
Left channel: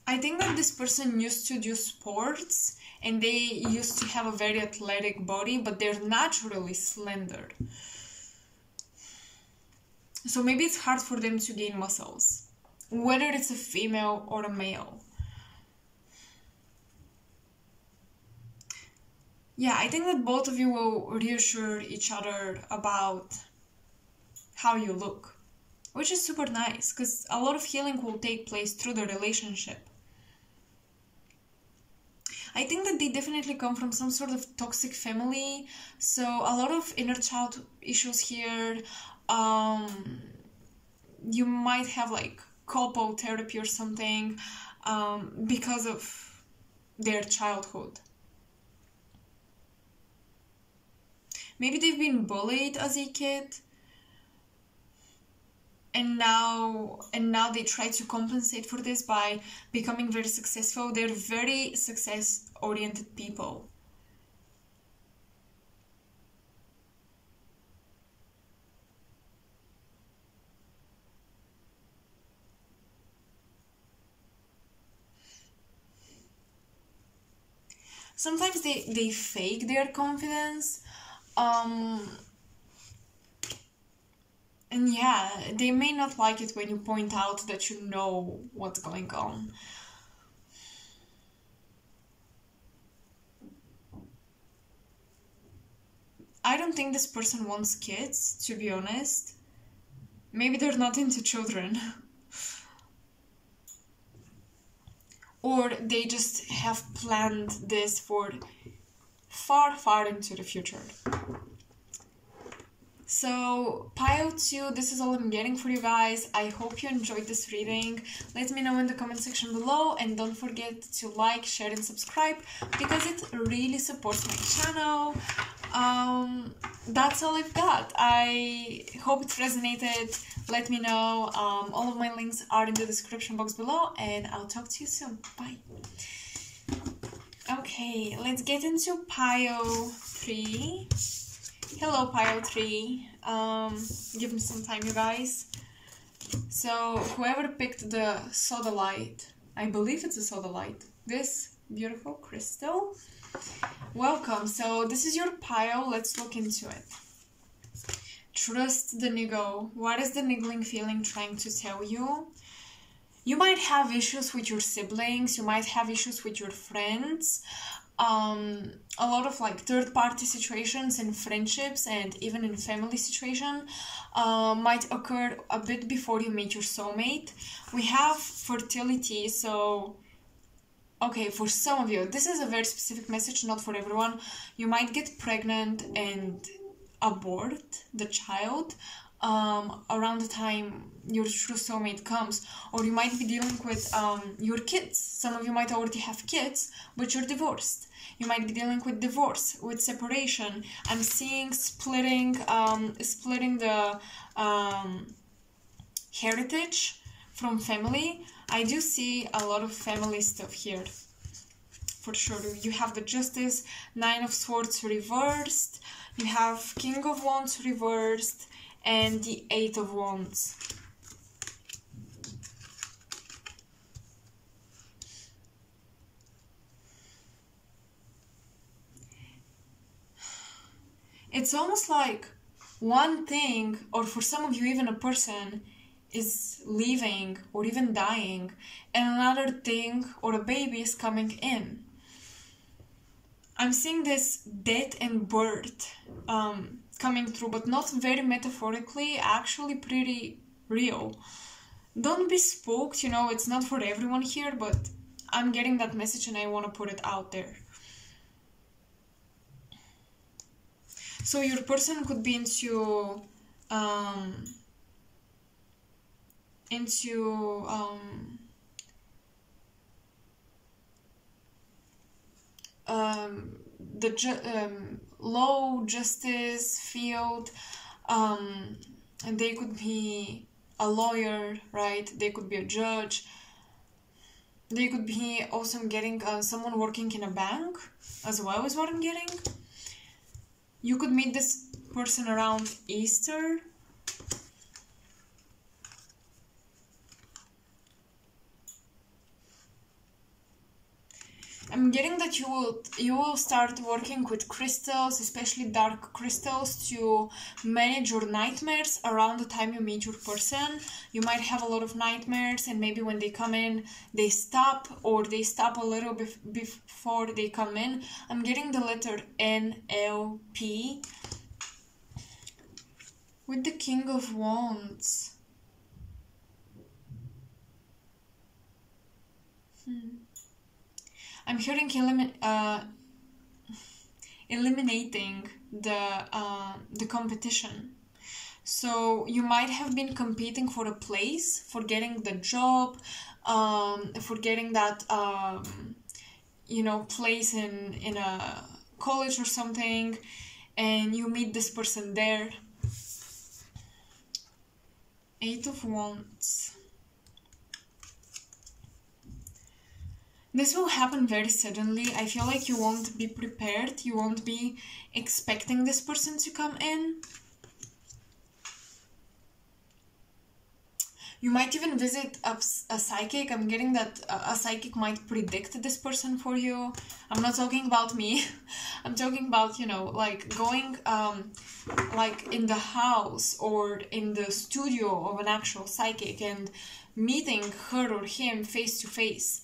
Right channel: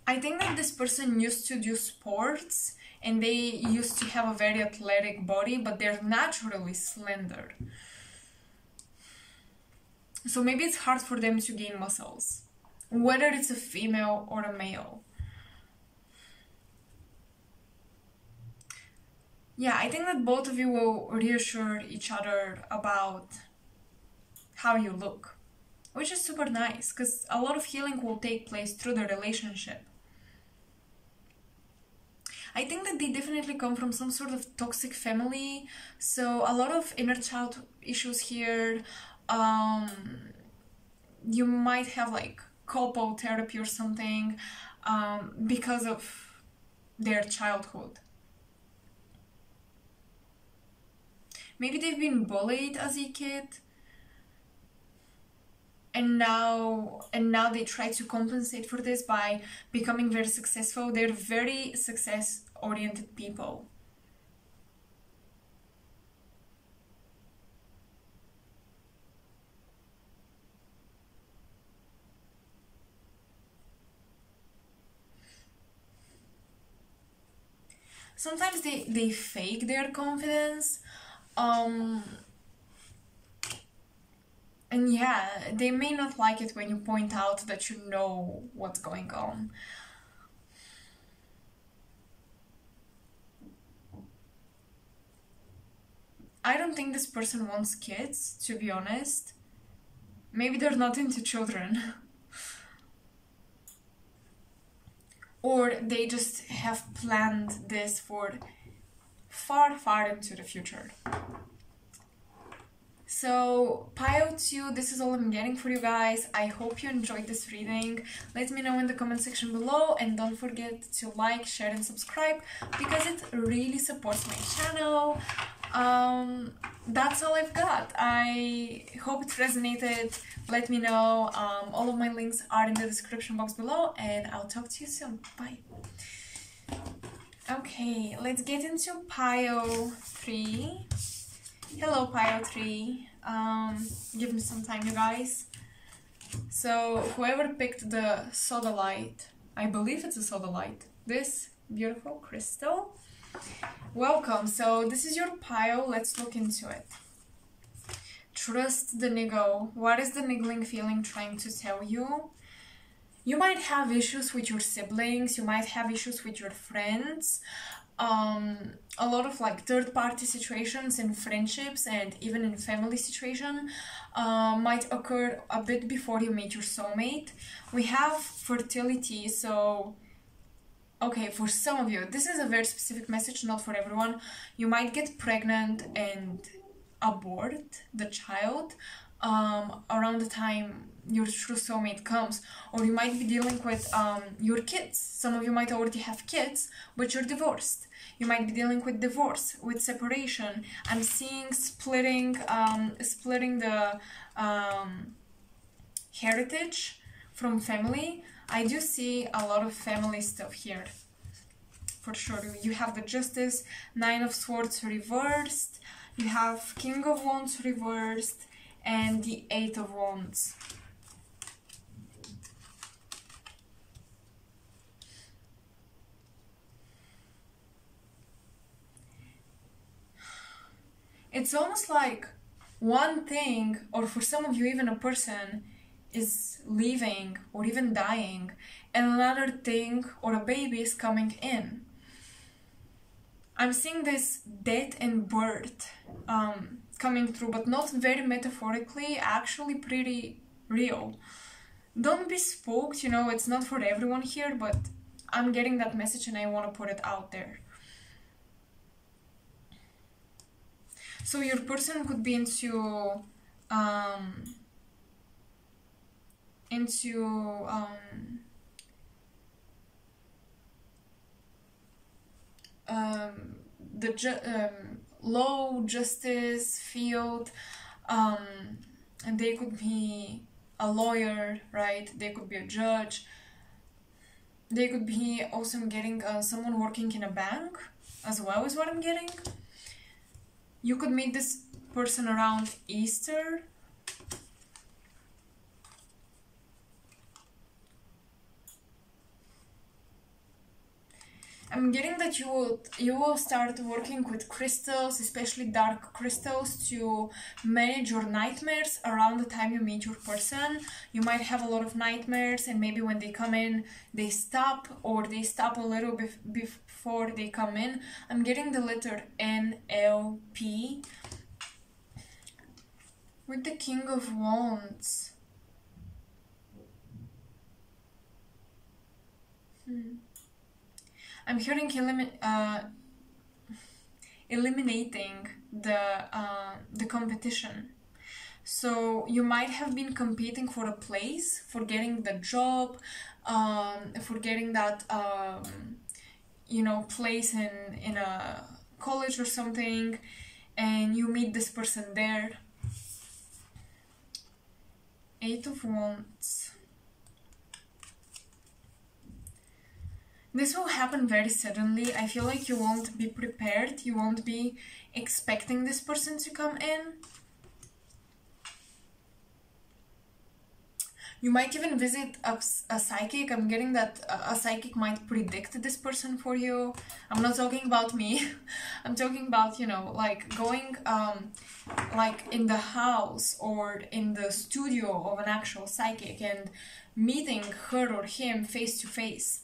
I think that this person used to do sports and they used to have a very athletic body, but they're naturally slender. So maybe it's hard for them to gain muscles, whether it's a female or a male. Yeah, I think that both of you will reassure each other about how you look, which is super nice, because a lot of healing will take place through the relationship. I think that they definitely come from some sort of toxic family, so a lot of inner child issues here. You might have like couple therapy or something because of their childhood. Maybe they've been bullied as a kid, and now they try to compensate for this by becoming very successful. They're very success oriented people. Sometimes they fake their confidence, um and yeah, they may not like it when you point out that you know what's going on. I don't think this person wants kids, to be honest. Maybe they're not into children. Or they just have planned this for far, far into the future. So, pile 2, this is all I'm getting for you guys. I hope you enjoyed this reading. Let me know in the comment section below, and don't forget to like, share, and subscribe because it really supports my channel. That's all I've got. I hope it resonated. Let me know. All of my links are in the description box below, and I'll talk to you soon. Bye. Okay, let's get into pile 3. Hello, pile 3. Give me some time, you guys. So, whoever picked the sodalite, I believe it's a sodalite, this beautiful crystal, welcome. So, this is your pile. Let's look into it. Trust the niggle. What is the niggling feeling trying to tell you? You might have issues with your siblings. You might have issues with your friends. A lot of like third-party situations in friendships and even in family situation might occur a bit before you meet your soulmate. We have fertility, so okay, for some of you, this is a very specific message, not for everyone. You might get pregnant and abort the child around the time your true soulmate comes, or you might be dealing with your kids. Some of you might already have kids, but you're divorced. You might be dealing with divorce, with separation. I'm seeing splitting the heritage from family. I do see a lot of family stuff here, for sure. You have the Justice, 9 of Swords reversed. You have King of Wands reversed, and the 8 of Wands. It's almost like one thing, or for some of you even a person, is leaving or even dying, and another thing or a baby is coming in. I'm seeing this death and birth coming through, but not very metaphorically, actually pretty real. Don't be spooked, you know, it's not for everyone here, but I'm getting that message and I want to put it out there. So your person could be into the low justice field, and they could be a lawyer, right? They could be a judge. They could be also getting someone working in a bank as well, is what I'm getting. You could meet this person around Easter. I'm getting that you will start working with crystals, especially dark crystals, to manage your nightmares around the time you meet your person. You might have a lot of nightmares, and maybe when they come in, they stop, or they stop a little before they come in. I'm getting the letter NLP with the King of Wands. I'm hearing eliminating the competition. So you might have been competing for a place, for getting the job, for getting that you know, place in a college or something, and you meet this person there. Eight of Wands. This will happen very suddenly. I feel like you won't be prepared. You won't be expecting this person to come in. You might even visit a psychic. I'm getting that a psychic might predict this person for you. I'm not talking about me. I'm talking about, you know, like going like in the house or in the studio of an actual psychic and meeting her or him face to face.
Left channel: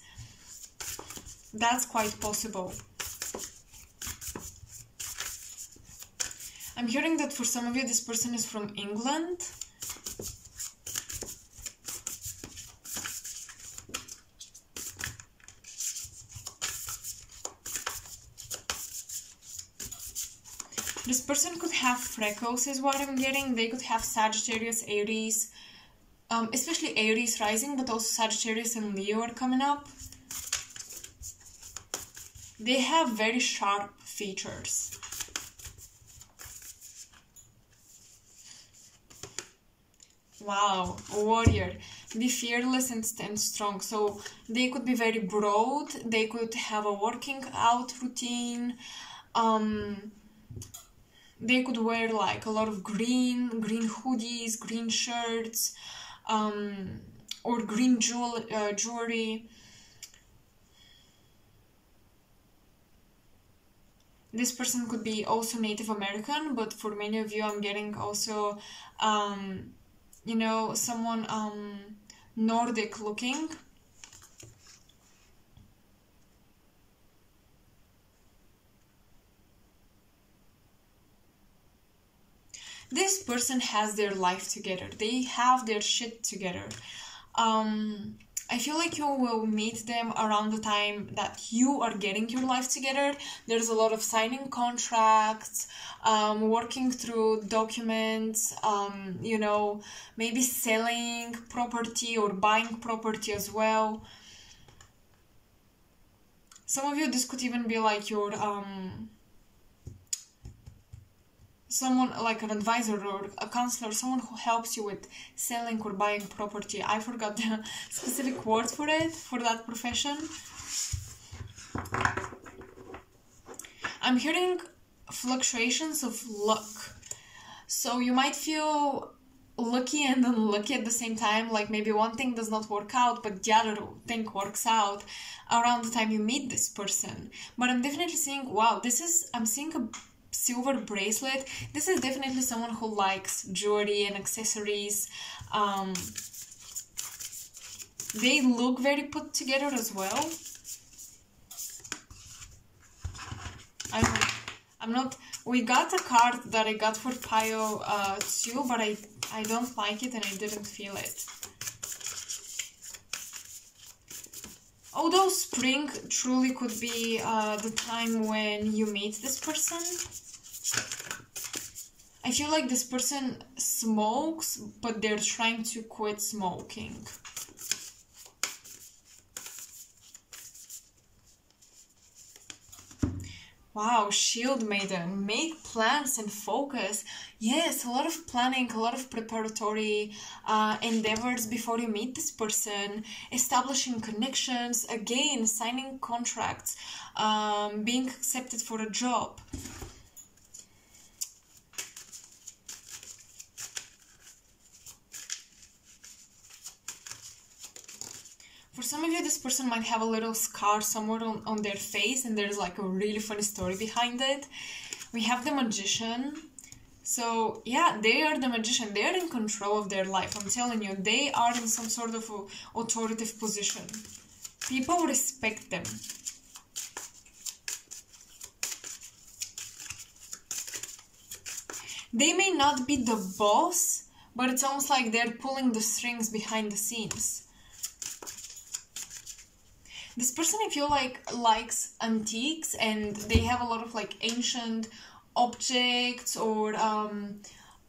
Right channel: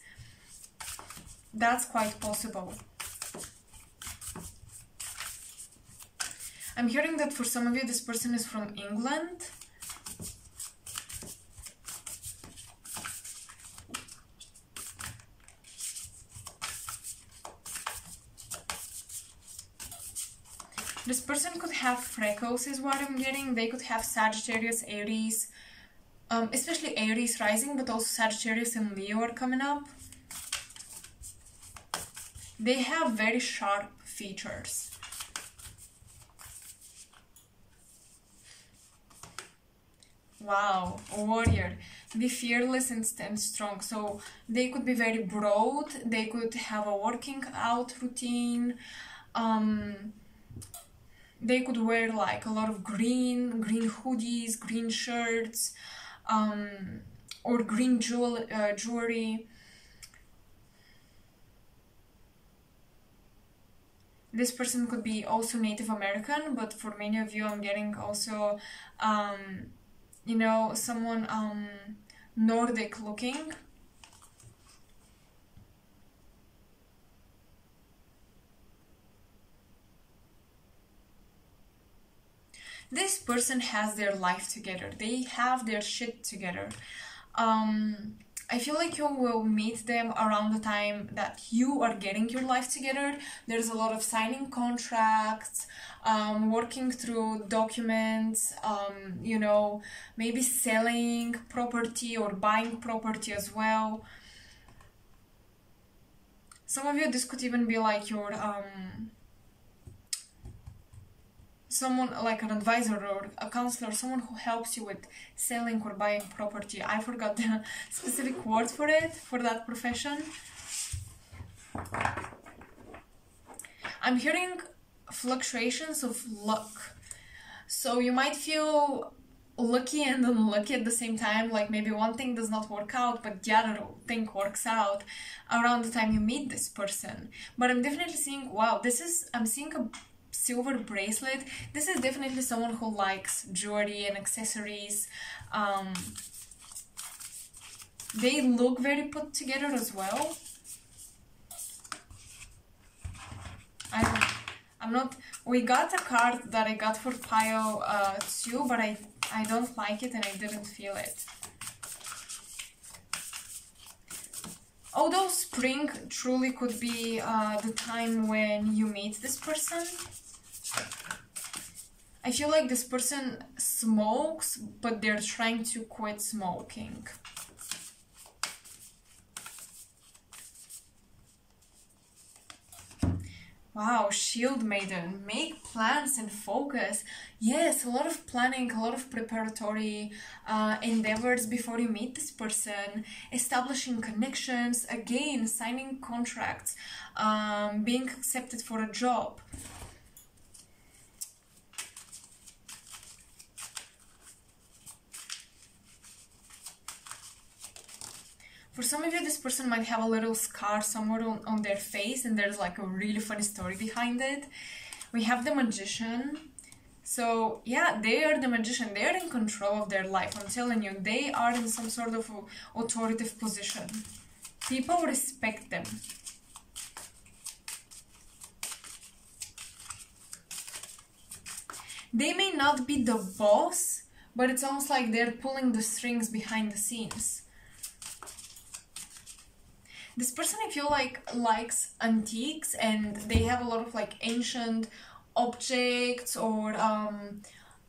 That's quite possible. I'm hearing that for some of you, this person is from England. This person could have freckles is what I'm getting. They could have Sagittarius, Aries, especially Aries rising, but also Sagittarius and Leo are coming up. They have very sharp features. Wow, a warrior. Be fearless and stand strong. So they could be very broad. They could have a working out routine. They could wear like a lot of green hoodies, green shirts, or green jewelry. This person could be also Native American, but for many of you, I'm getting also, you know, someone Nordic looking. This person has their life together. They have their shit together. I feel like you will meet them around the time that you are getting your life together. There's a lot of signing contracts, working through documents, you know, maybe selling property or buying property as well. Some of you, this could even be like your someone like an advisor or a counselor, someone who helps you with selling or buying property. I forgot the specific word for it, for that profession. I'm hearing fluctuations of luck. So you might feel lucky and unlucky at the same time, like maybe one thing does not work out, but the other thing works out around the time you meet this person. But I'm definitely seeing, wow, I'm seeing a silver bracelet. This is definitely someone who likes jewelry and accessories. They look very put together as well. I'm not, we got a card that I got for pile 2, but I don't like it and I didn't feel it. Although spring truly could be the time when you meet this person. I feel like this person smokes, but they're trying to quit smoking. Wow, Shield Maiden, make plans and focus. Yes, a lot of planning, a lot of preparatory endeavors before you meet this person, establishing connections, again, signing contracts, being accepted for a job. For some of you, this person might have a little scar somewhere on their face, and there's like a really funny story behind it. We have the Magician. So yeah, they are the Magician. They are in control of their life. I'm telling you, they are in some sort of authoritative position. People respect them. They may not be the boss, but it's almost like they're pulling the strings behind the scenes. This person, I feel like, likes antiques, and they have a lot of like ancient objects or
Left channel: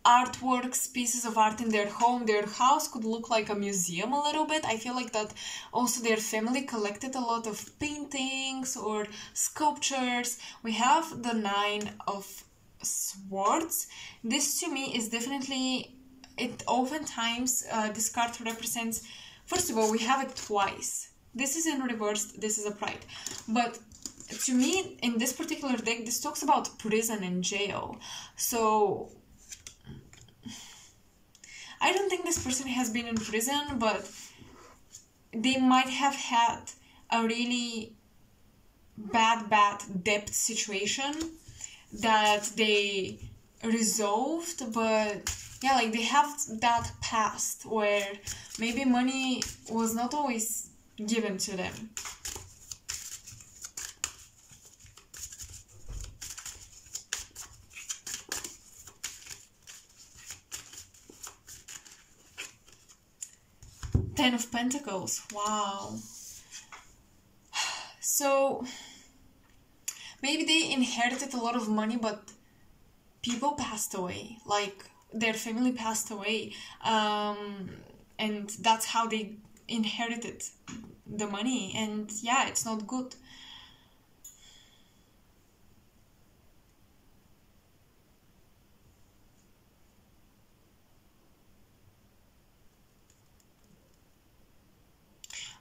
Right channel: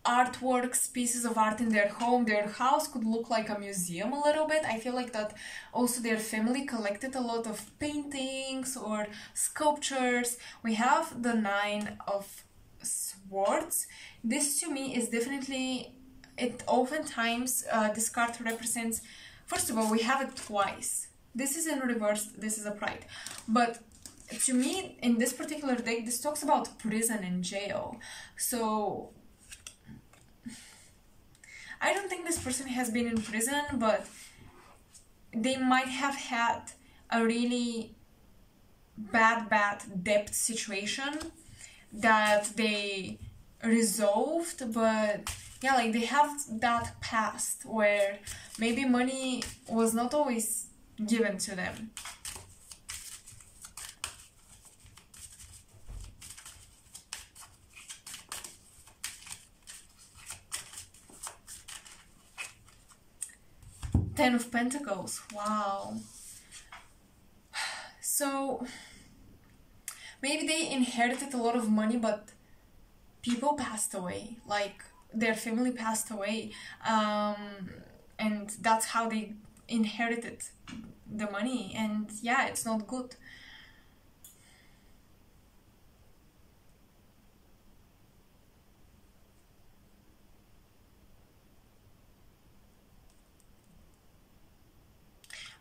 artworks, pieces of art in their home. Their house could look like a museum a little bit. I feel like that also their family collected a lot of paintings or sculptures. We have the 9 of Swords, this to me is definitely, it oftentimes, this card represents, first of all, we have it twice. This is in reverse, this is upright. But to me, in this particular deck, this talks about prison and jail. So I don't think this person has been in prison, but they might have had a really bad debt situation that they resolved. But yeah, like they have that past where maybe money was not always given to them. Ten of Pentacles, wow. So maybe they inherited a lot of money, but people passed away, like their family passed away, and that's how they inherited the money, and yeah, it's not good.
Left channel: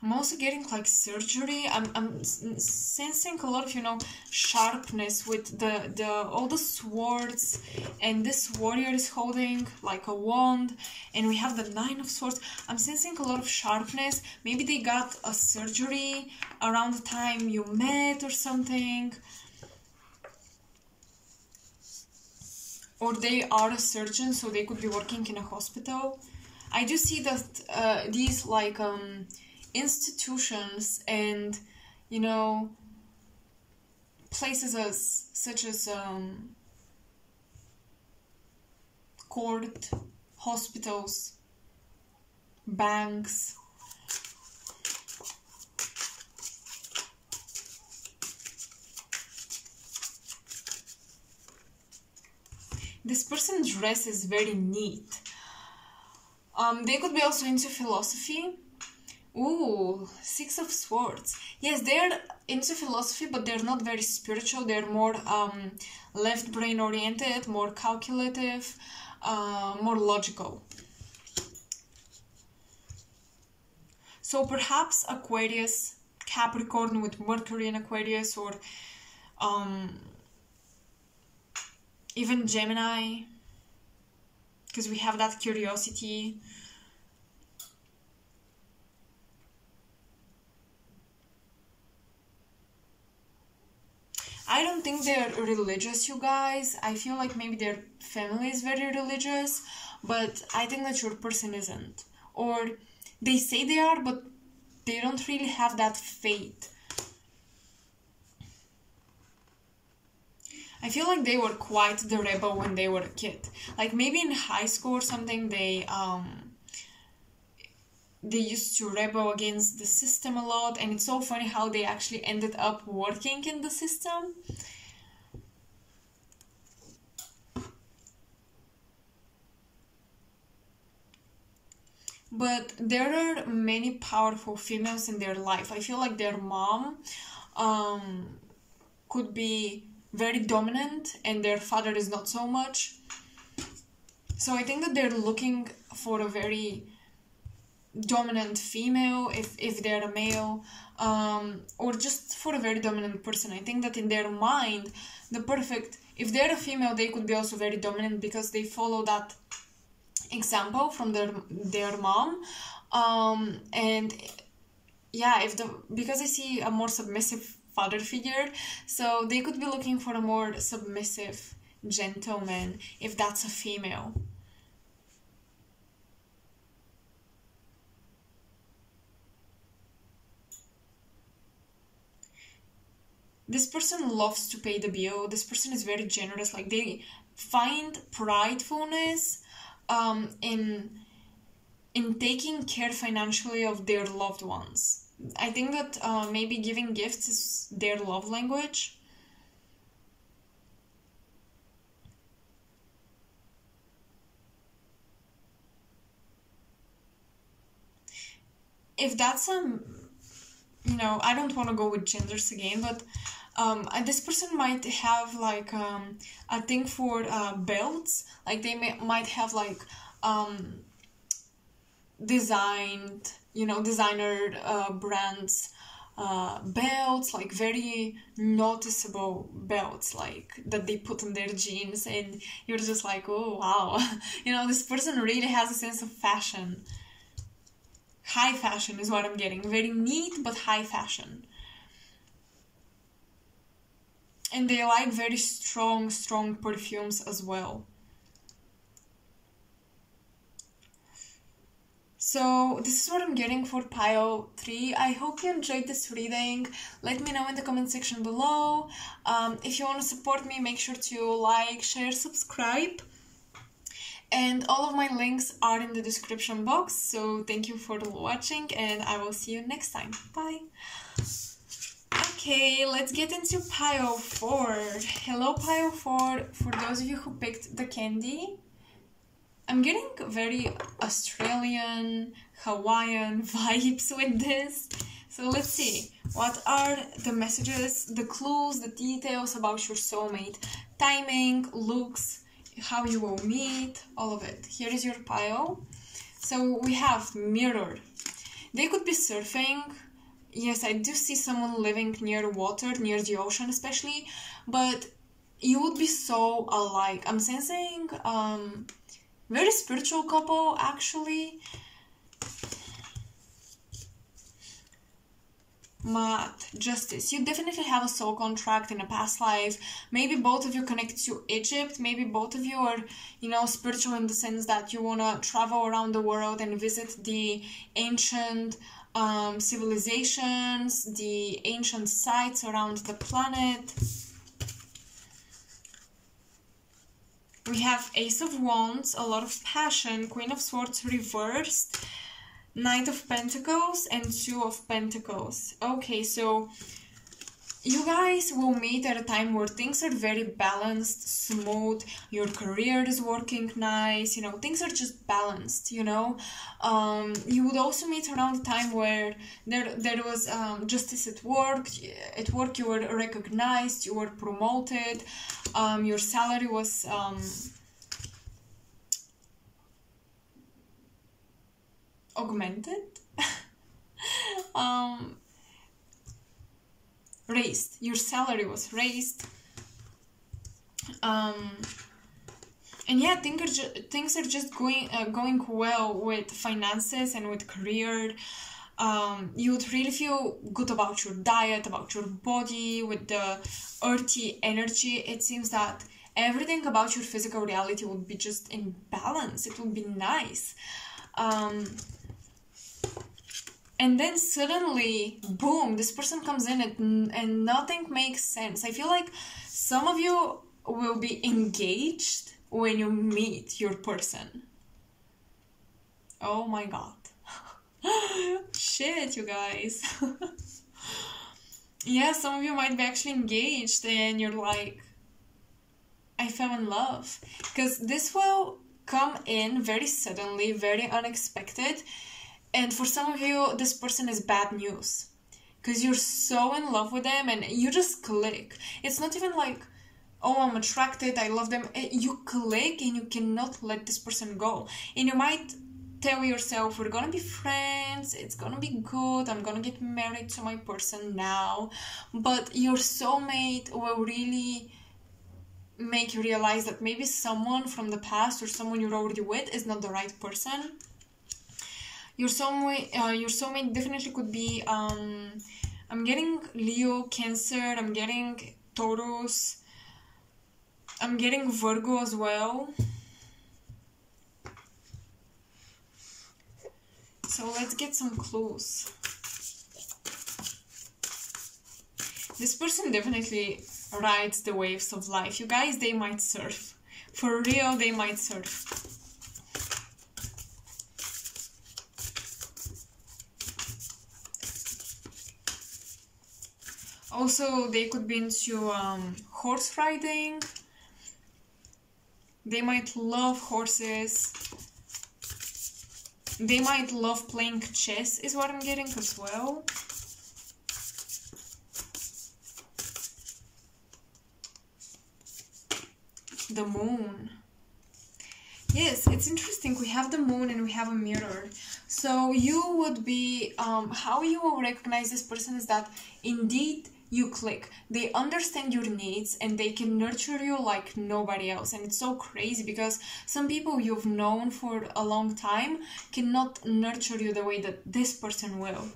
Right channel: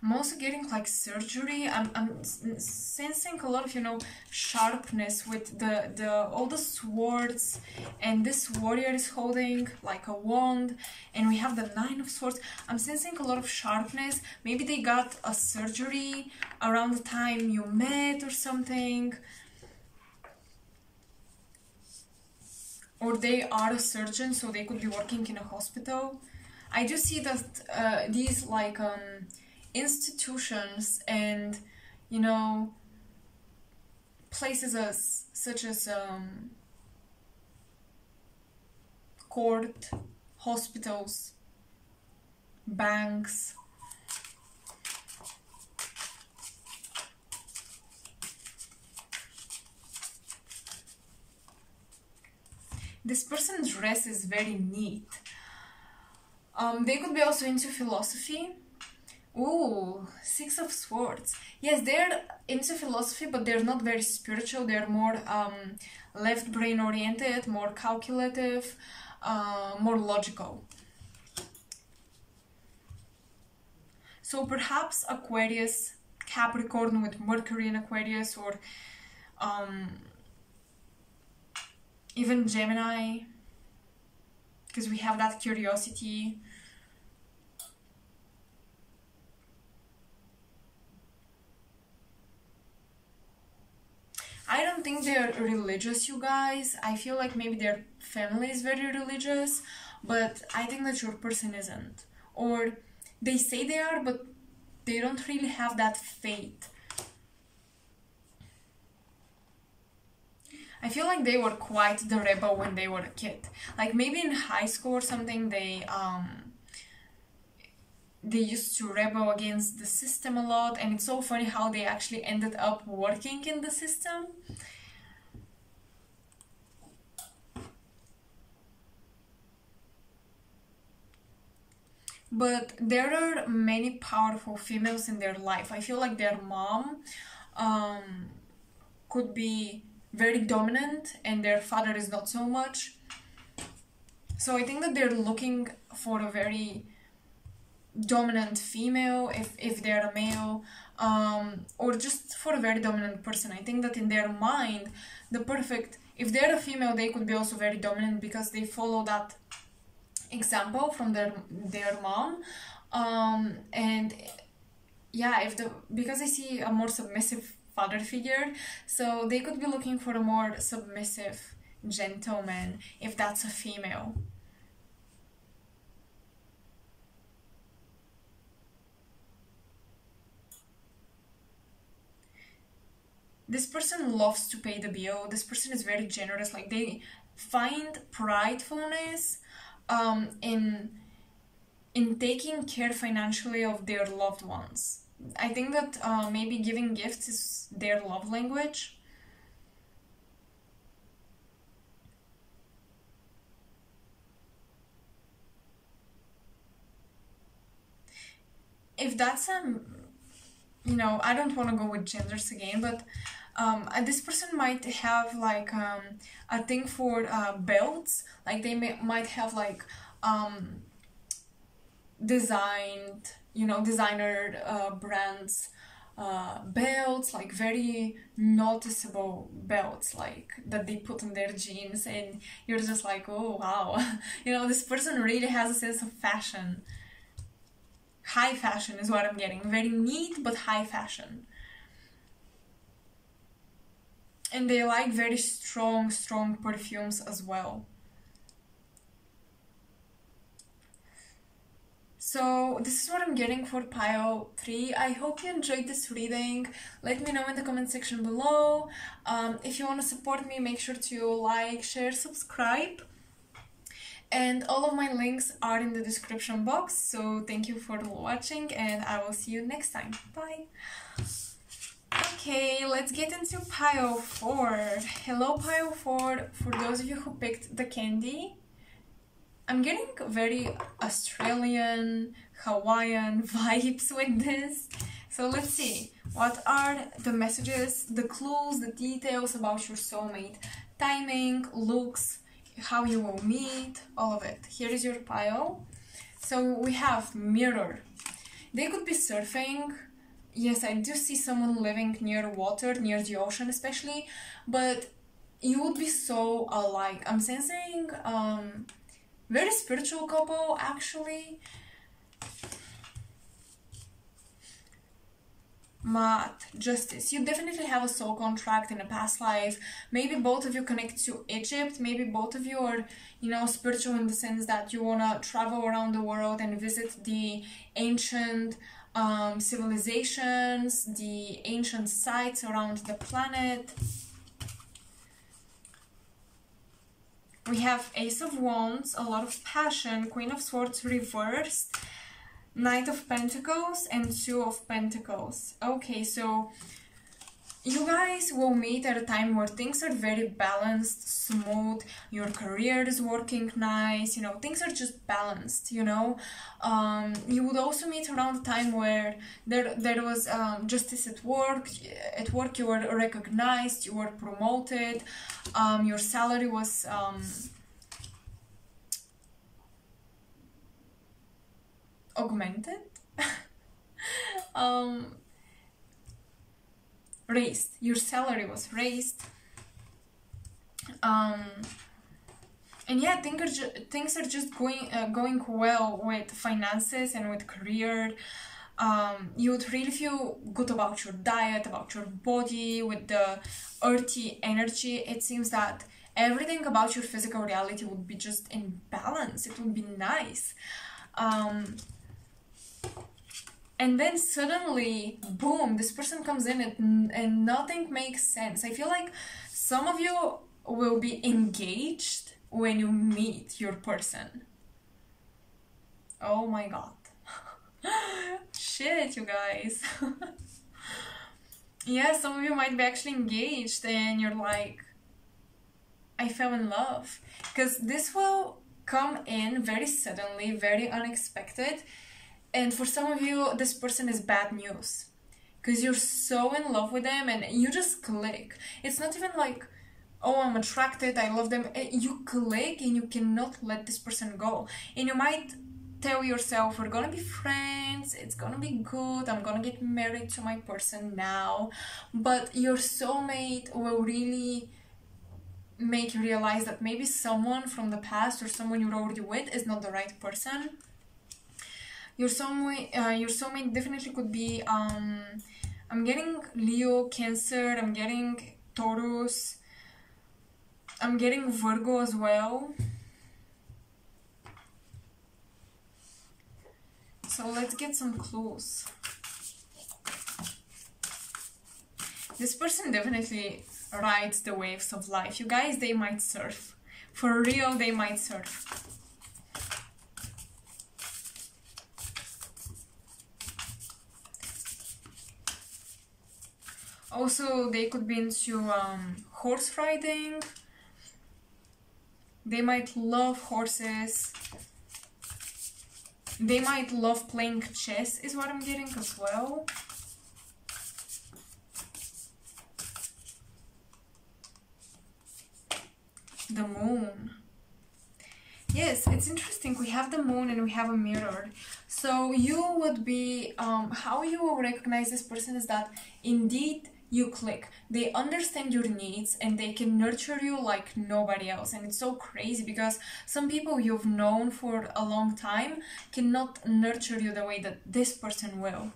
I'm also getting like surgery. I'm sensing a lot of, you know, sharpness with the all the swords, and this warrior is holding like a wand, and we have the Nine of Swords. I'm sensing a lot of sharpness. Maybe they got a surgery around the time you met or something. Or they are a surgeon, so they could be working in a hospital. I do see that these like institutions and, you know, places such as court, hospitals, banks. This person's dress is very neat. They could be also into philosophy. Ooh, Six of Swords. Yes, they're into philosophy, but they're not very spiritual. They're more left brain oriented, more calculative, more logical. So perhaps Aquarius, Capricorn with Mercury in Aquarius, or even Gemini, because we have that curiosity. I don't think they're religious, you guys. I feel like maybe their family is very religious, but I think that your person isn't. Or they say they are, but they don't really have that faith. I feel like they were quite the rebel when they were a kid. Like maybe in high school or something, they used to rebel against the system a lot, and it's so funny how they actually ended up working in the system. But there are many powerful females in their life. I feel like their mom could be very dominant and their father is not so much. So I think that they're looking for a very dominant female if they're a male, or just for a very dominant person. I think that in their mind, if they're a female, they could be also very dominant because they follow that example from their mom, and yeah, because I see a more submissive father figure, so they could be looking for a more submissive gentleman if that's a female. This person loves to pay the bill. This person is very generous. Like they find pridefulness in taking care financially of their loved ones. I think that maybe giving gifts is their love language. If that's you know, I don't want to go with genders again, but This person might have like a thing for belts. Like they might have like designed, you know, designer brands belts, like very noticeable belts, like that they put on their jeans, and you're just like, oh wow, you know, this person really has a sense of fashion. High fashion is what I'm getting. Very neat but high fashion. And they like very strong perfumes as well. So this is what I'm getting for pile 3. I hope you enjoyed this reading. Let me know in the comment section below. If you want to support me, make sure to like, share, subscribe. And all of my links are in the description box. So thank you for watching, and I will see you next time. Bye! Okay, let's get into pile 4. Hello pile 4, for those of you who picked the candy. I'm getting very Australian, Hawaiian vibes with this. So let's see, what are the messages, the clues, the details about your soulmate? Timing, looks, how you will meet, all of it. Here is your pile. So we have mirror. They could be surfing. Yes, I do see someone living near water, near the ocean especially, but you would be so alike. I'm sensing very spiritual couple actually. Math, justice. You definitely have a soul contract in a past life. Maybe both of you connect to Egypt. Maybe both of you are, you know, spiritual in the sense that you want to travel around the world and visit the ancient civilizations, the ancient sites around the planet. We have Ace of Wands, a lot of passion, Queen of Swords reversed, Knight of Pentacles, and Two of Pentacles. Okay, so you guys will meet at a time where things are very balanced, smooth, your career is working nice, you know, things are just balanced, you know. You would also meet around a time where there was justice at work. At work you were recognized, you were promoted, your salary was augmented. Raised. Your salary was raised. And yeah, things are just going well with finances and with career. You would really feel good about your diet, about your body, with the earthy energy. It seems that everything about your physical reality would be just in balance. It would be nice. And then suddenly, boom, this person comes in and nothing makes sense. I feel like some of you will be engaged when you meet your person. Oh my god. Shit, you guys. Yeah, some of you might be actually engaged and you're like, I fell in love. Because this will come in very suddenly, very unexpected. And for some of you, this person is bad news. Because you're so in love with them and you just click. It's not even like, oh, I'm attracted, I love them. You click and you cannot let this person go. And you might tell yourself, we're gonna be friends, it's gonna be good, I'm gonna get married to my person now. But your soulmate will really make you realize that maybe someone from the past or someone you're already with is not the right person. Your soulmate definitely could be, I'm getting Leo, Cancer, I'm getting Taurus, I'm getting Virgo as well. So let's get some clues. This person definitely rides the waves of life. You guys, they might surf. For real, they might surf. Also, they could be into horse riding. They might love horses. They might love playing chess, is what I'm getting as well. The moon. Yes, it's interesting. We have the moon and we have a mirror. So you would be, how you will recognize this person is that indeed you click. They understand your needs and they can nurture you like nobody else. And it's so crazy because some people you've known for a long time cannot nurture you the way that this person will.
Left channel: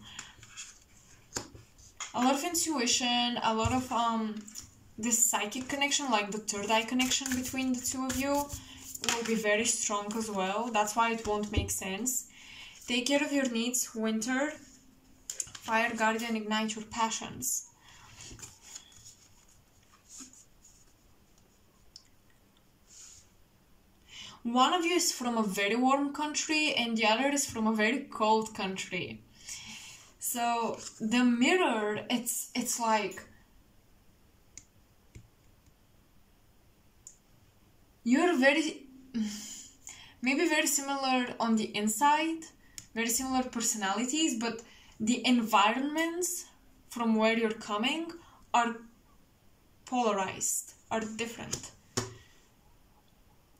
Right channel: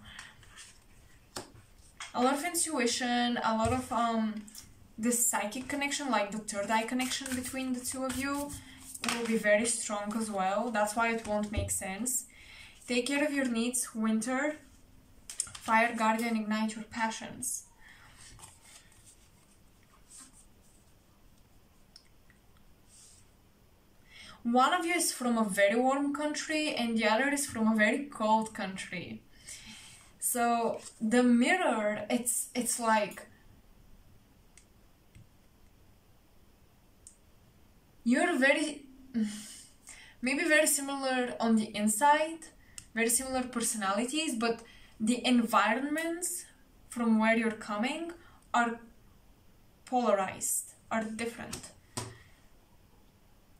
A lot of intuition, a lot of this psychic connection, like the third eye connection between the two of you, will be very strong as well. That's why it won't make sense. Take care of your needs, winter. Fire guardian, ignite your passions. One of you is from a very warm country and the other is from a very cold country. So the mirror, it's like you're maybe very similar on the inside, very similar personalities, but the environments from where you're coming are polarized, are different.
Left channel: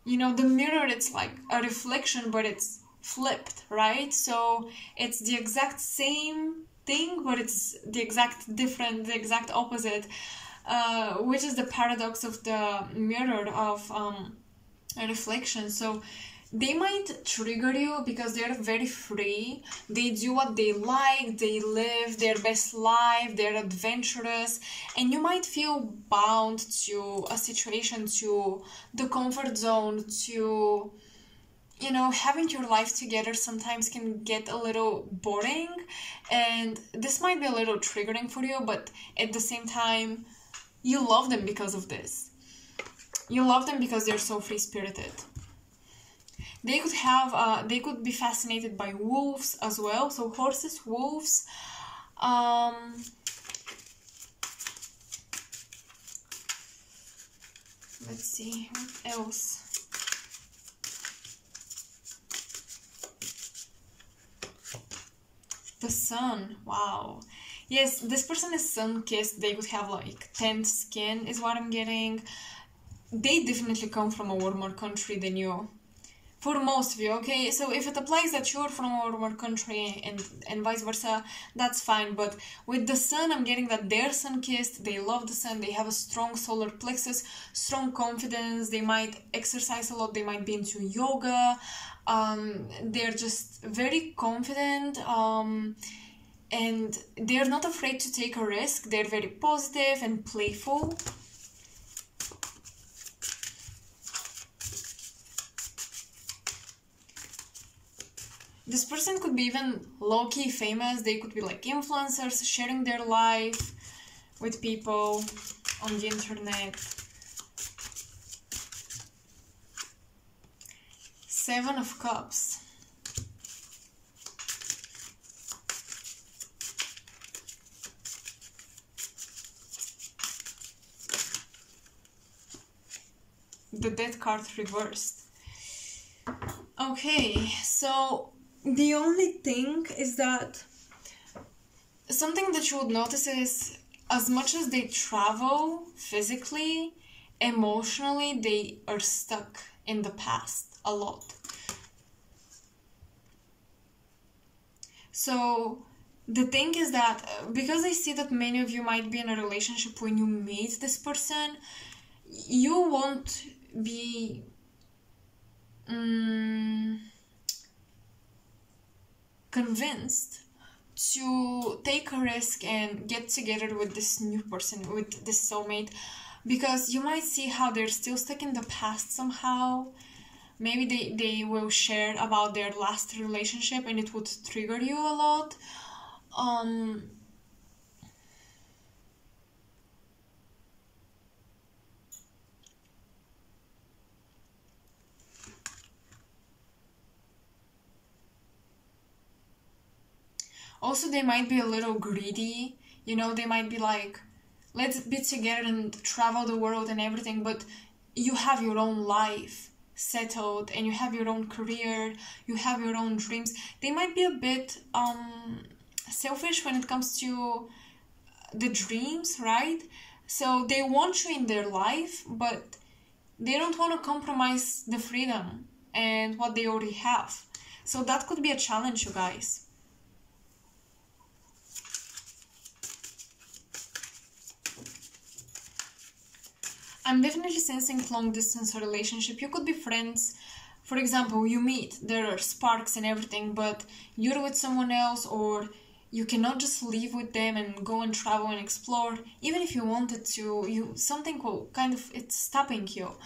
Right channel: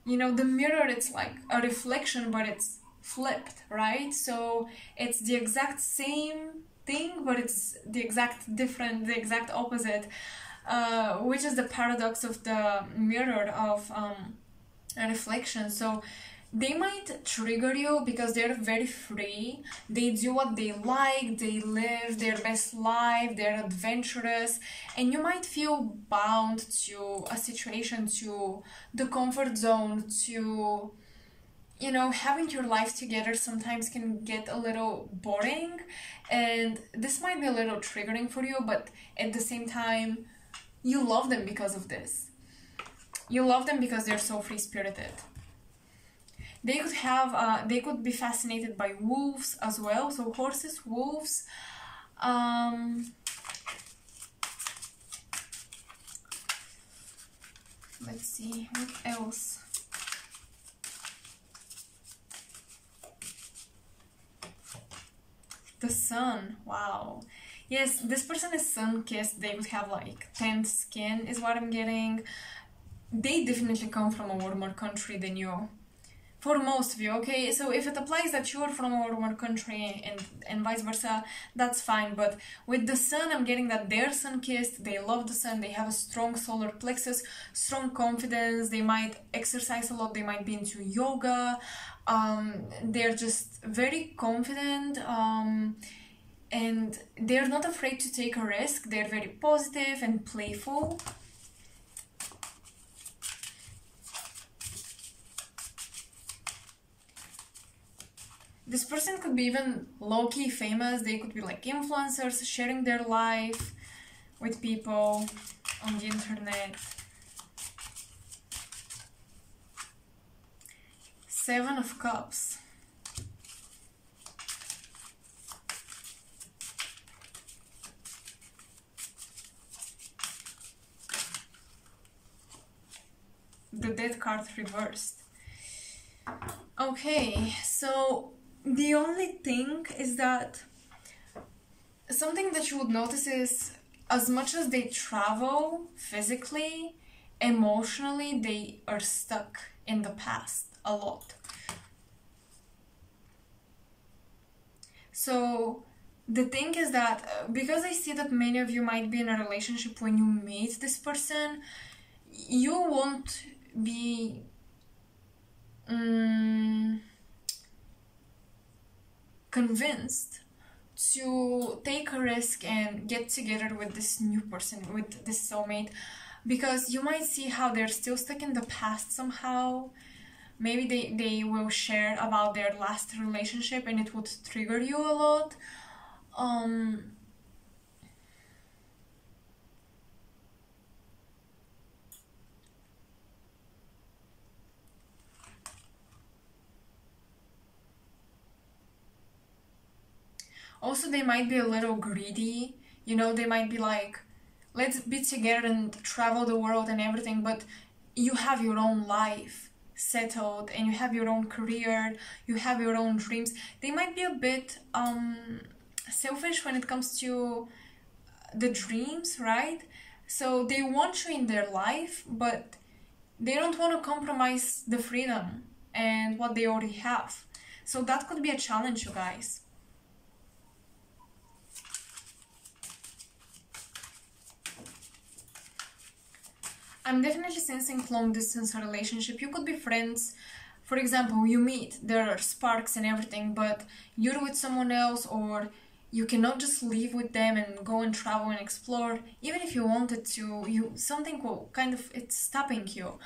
You know, the mirror, it's like a reflection, but it's flipped, right? So it's the exact same thing, but it's the exact different, the exact opposite, which is the paradox of the mirror of a reflection. So they might trigger you because they're very free. They do what they like, they live their best life, they're adventurous, and you might feel bound to a situation, to the comfort zone, to, you know, having your life together sometimes can get a little boring, and this might be a little triggering for you, but at the same time, you love them because of this. You love them because they're so free-spirited. They could have, they could be fascinated by wolves as well. So horses, wolves. Let's see, what else? The sun, wow. Yes, this person is sun-kissed. They could have like tanned skin is what I'm getting. They definitely come from a warmer country than you. For most of you, okay? So if it applies that you're from a warmer country and vice versa, that's fine. But with the sun, I'm getting that they're sun-kissed, they love the sun, they have a strong solar plexus, strong confidence, they might exercise a lot, they might be into yoga, they're just very confident, and they're not afraid to take a risk, they're very positive and playful. This person could be even low-key famous. They could be like influencers, sharing their life with people on the internet. Seven of Cups. The Death card reversed. Okay, so the only thing is that something that you would notice is as much as they travel physically, emotionally, they are stuck in the past a lot. So the thing is that because I see that many of you might be in a relationship when you meet this person, you won't be convinced to take a risk and get together with this new person, with this soulmate, because you might see how they're still stuck in the past somehow. Maybe they will share about their last relationship and it would trigger you a lot. Also, they might be a little greedy, you know, they might be like, let's be together and travel the world and everything, but you have your own life settled and you have your own career, you have your own dreams. They might be a bit selfish when it comes to the dreams, right? So they want you in their life, but they don't want to compromise the freedom and what they already have. So that could be a challenge, you guys. I'm definitely sensing long distance relationship. You could be friends. For example, you meet, there are sparks and everything, but you're with someone else, or you cannot just leave with them and go and travel and explore. Even if you wanted to, something will kind of, it's stopping you.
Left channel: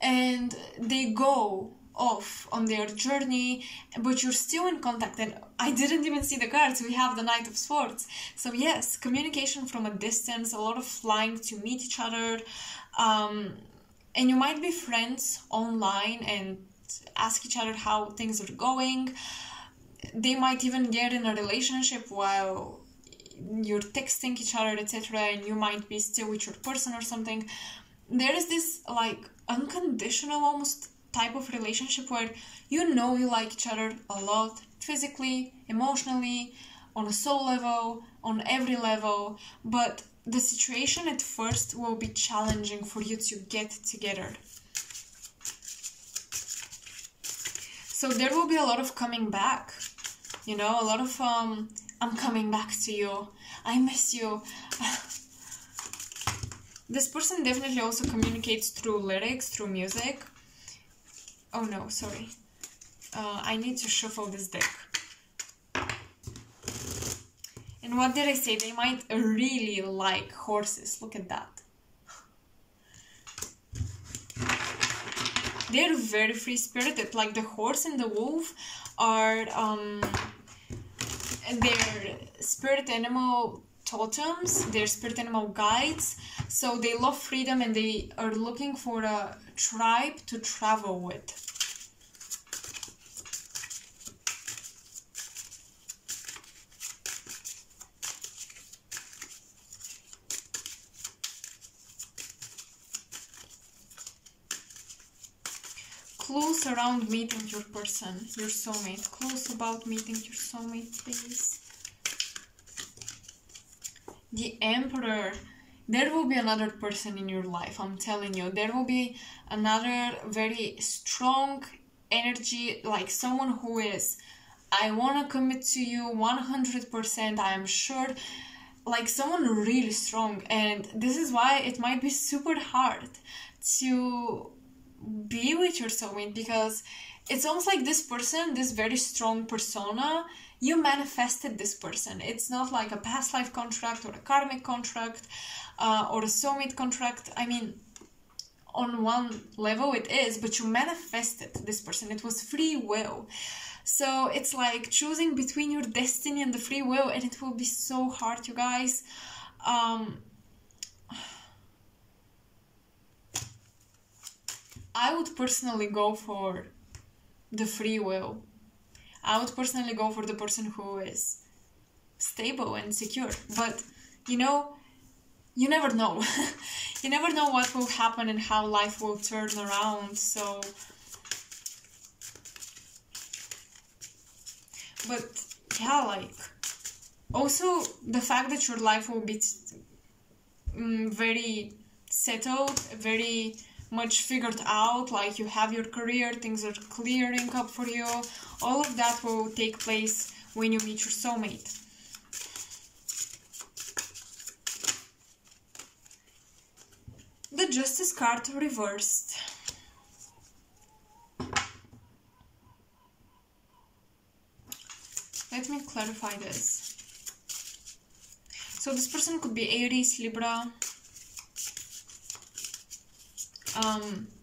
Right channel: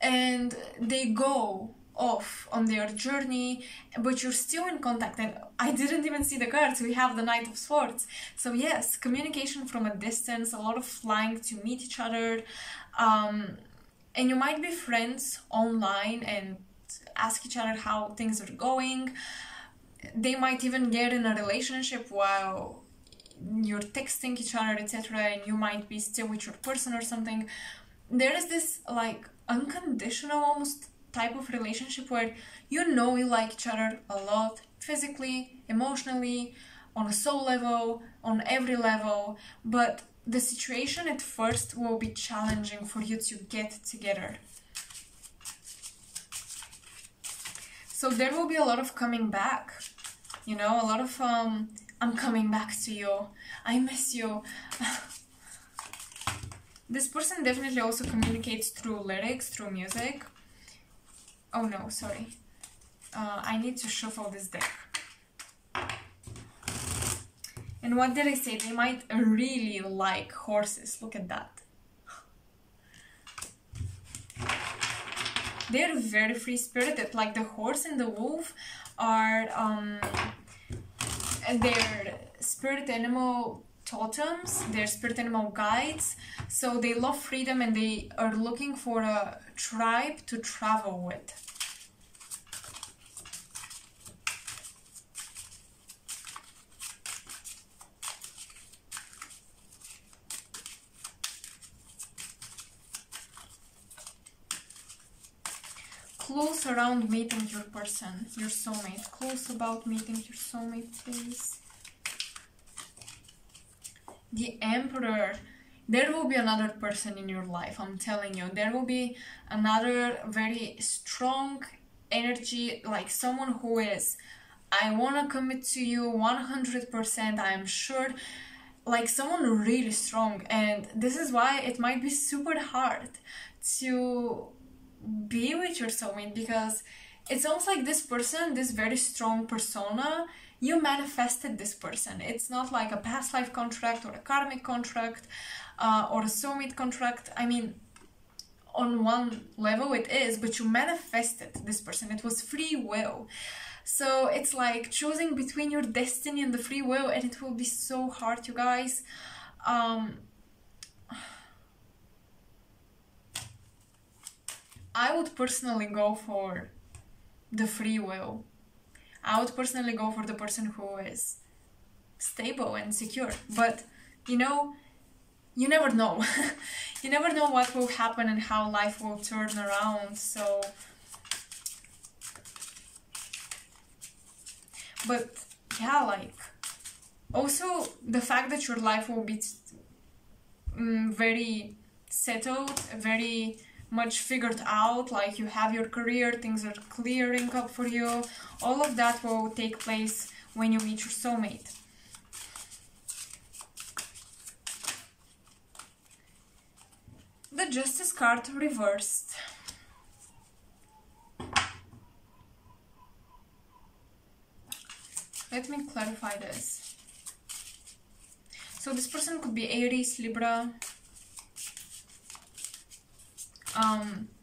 And they go off on their journey, but you're still in contact. And I didn't even see the cards. We have the Knight of Swords. So yes, communication from a distance, a lot of flying to meet each other. And you might be friends online and ask each other how things are going. They might even get in a relationship while you're texting each other, etc., and you might be still with your person or something. There is this like unconditional almost type of relationship where you know you like each other a lot, physically, emotionally, on a soul level, on every level, but the situation at first will be challenging for you to get together. So there will be a lot of coming back, you know, a lot of I'm coming back to you, I miss you. This person definitely also communicates through lyrics, through music. Oh no, sorry. I need to shuffle this deck. And what did I say? They might really like horses. Look at that. They're very free-spirited. Like the horse and the wolf are their spirit animal totems, their spirit animal guides. So they love freedom and they are looking for a tribe to travel with. Clues around meeting your person, your soulmate. Clues about meeting your soulmate, please. The Emperor. There will be another person in your life, I'm telling you. There will be another very strong energy, like someone who is, I want to commit to you 100%, I am sure. Like someone really strong. And this is why it might be super hard to be with your soulmate, because it's almost like this person, this very strong persona, you manifested this person. It's not like a past life contract or a karmic contract or a soulmate contract. I mean, on one level it is, but you manifested this person. It was free will. So it's like choosing between your destiny and the free will, and it will be so hard, you guys. I would personally go for the free will. I would personally go for the person who is stable and secure. But, you know, you never know. You never know what will happen and how life will turn around. So, but yeah, like, also the fact that your life will be very settled, very much figured out, like you have your career, things are clearing up for you, all of that will take place when you meet your soulmate. The Justice card reversed. Let me clarify this. So this person could be Aries, Libra,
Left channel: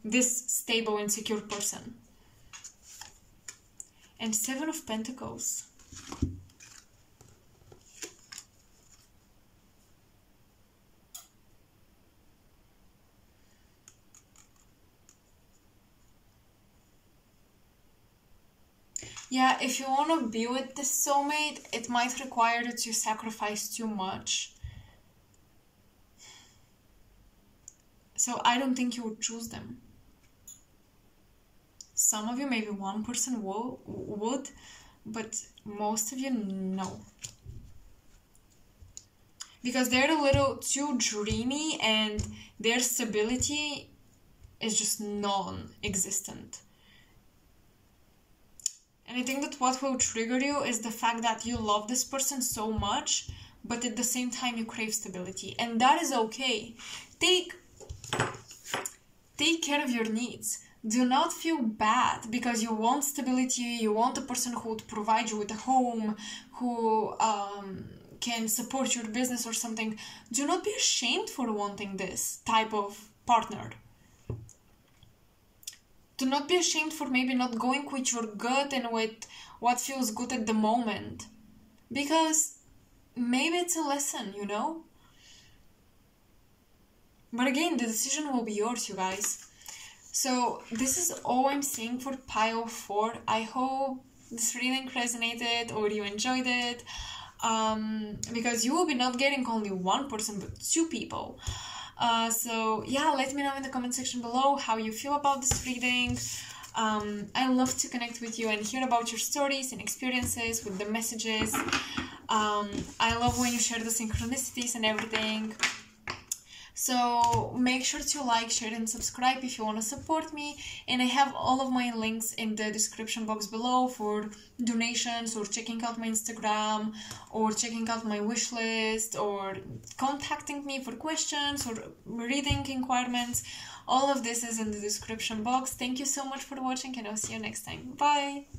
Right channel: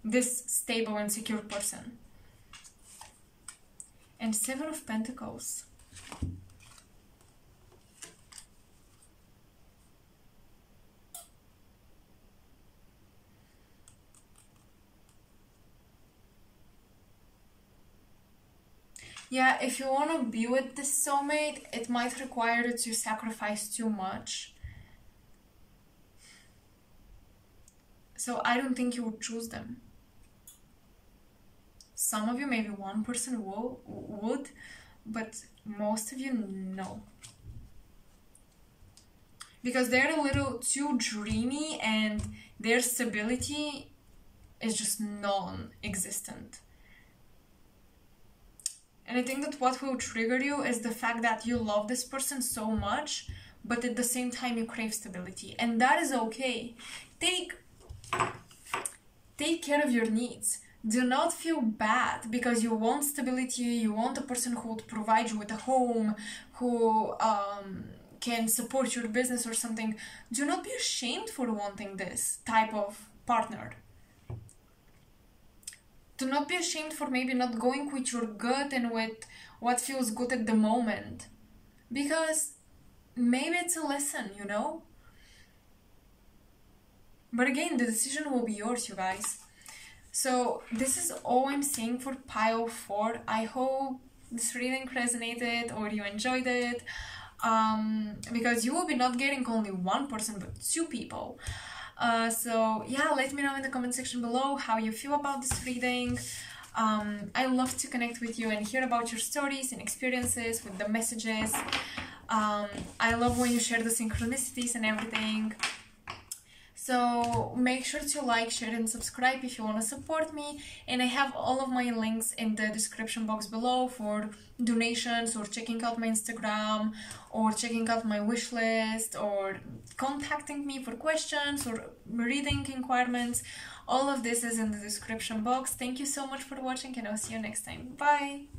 this stable and secure person. And Seven of Pentacles. Yeah, if you want to be with this soulmate, it might require that you sacrifice too much. So I don't think you would choose them. Some of you, maybe one person would, but most of you, no. Because they're a little too dreamy and their stability is just non-existent. And I think that what will trigger you is the fact that you love this person so much, but at the same time you crave stability. And that is okay. Take care of your needs. Do not feel bad because you want stability, you want a person who would provide you with a home, who can support your business or something. Do not be ashamed for wanting this type of partner. Do not be ashamed for maybe not going with your gut and with what feels good at the moment. Because maybe it's a lesson, you know? But again, the decision will be yours, you guys. So this is all I'm saying for pile 4. I hope this reading resonated or you enjoyed it. Because you will be not getting only one person, but 2 people. So yeah, let me know in the comment section below how you feel about this reading. I love to connect with you and hear about your stories and experiences with the messages. I love when you share the synchronicities and everything. So make sure to like, share and subscribe if you want to support me. And I have all of my links in the description box below for donations or checking out my Instagram or checking out my wish list or contacting me for questions or reading requirements. All of this is in the description box. Thank you so much for watching and I'll see you next time. Bye!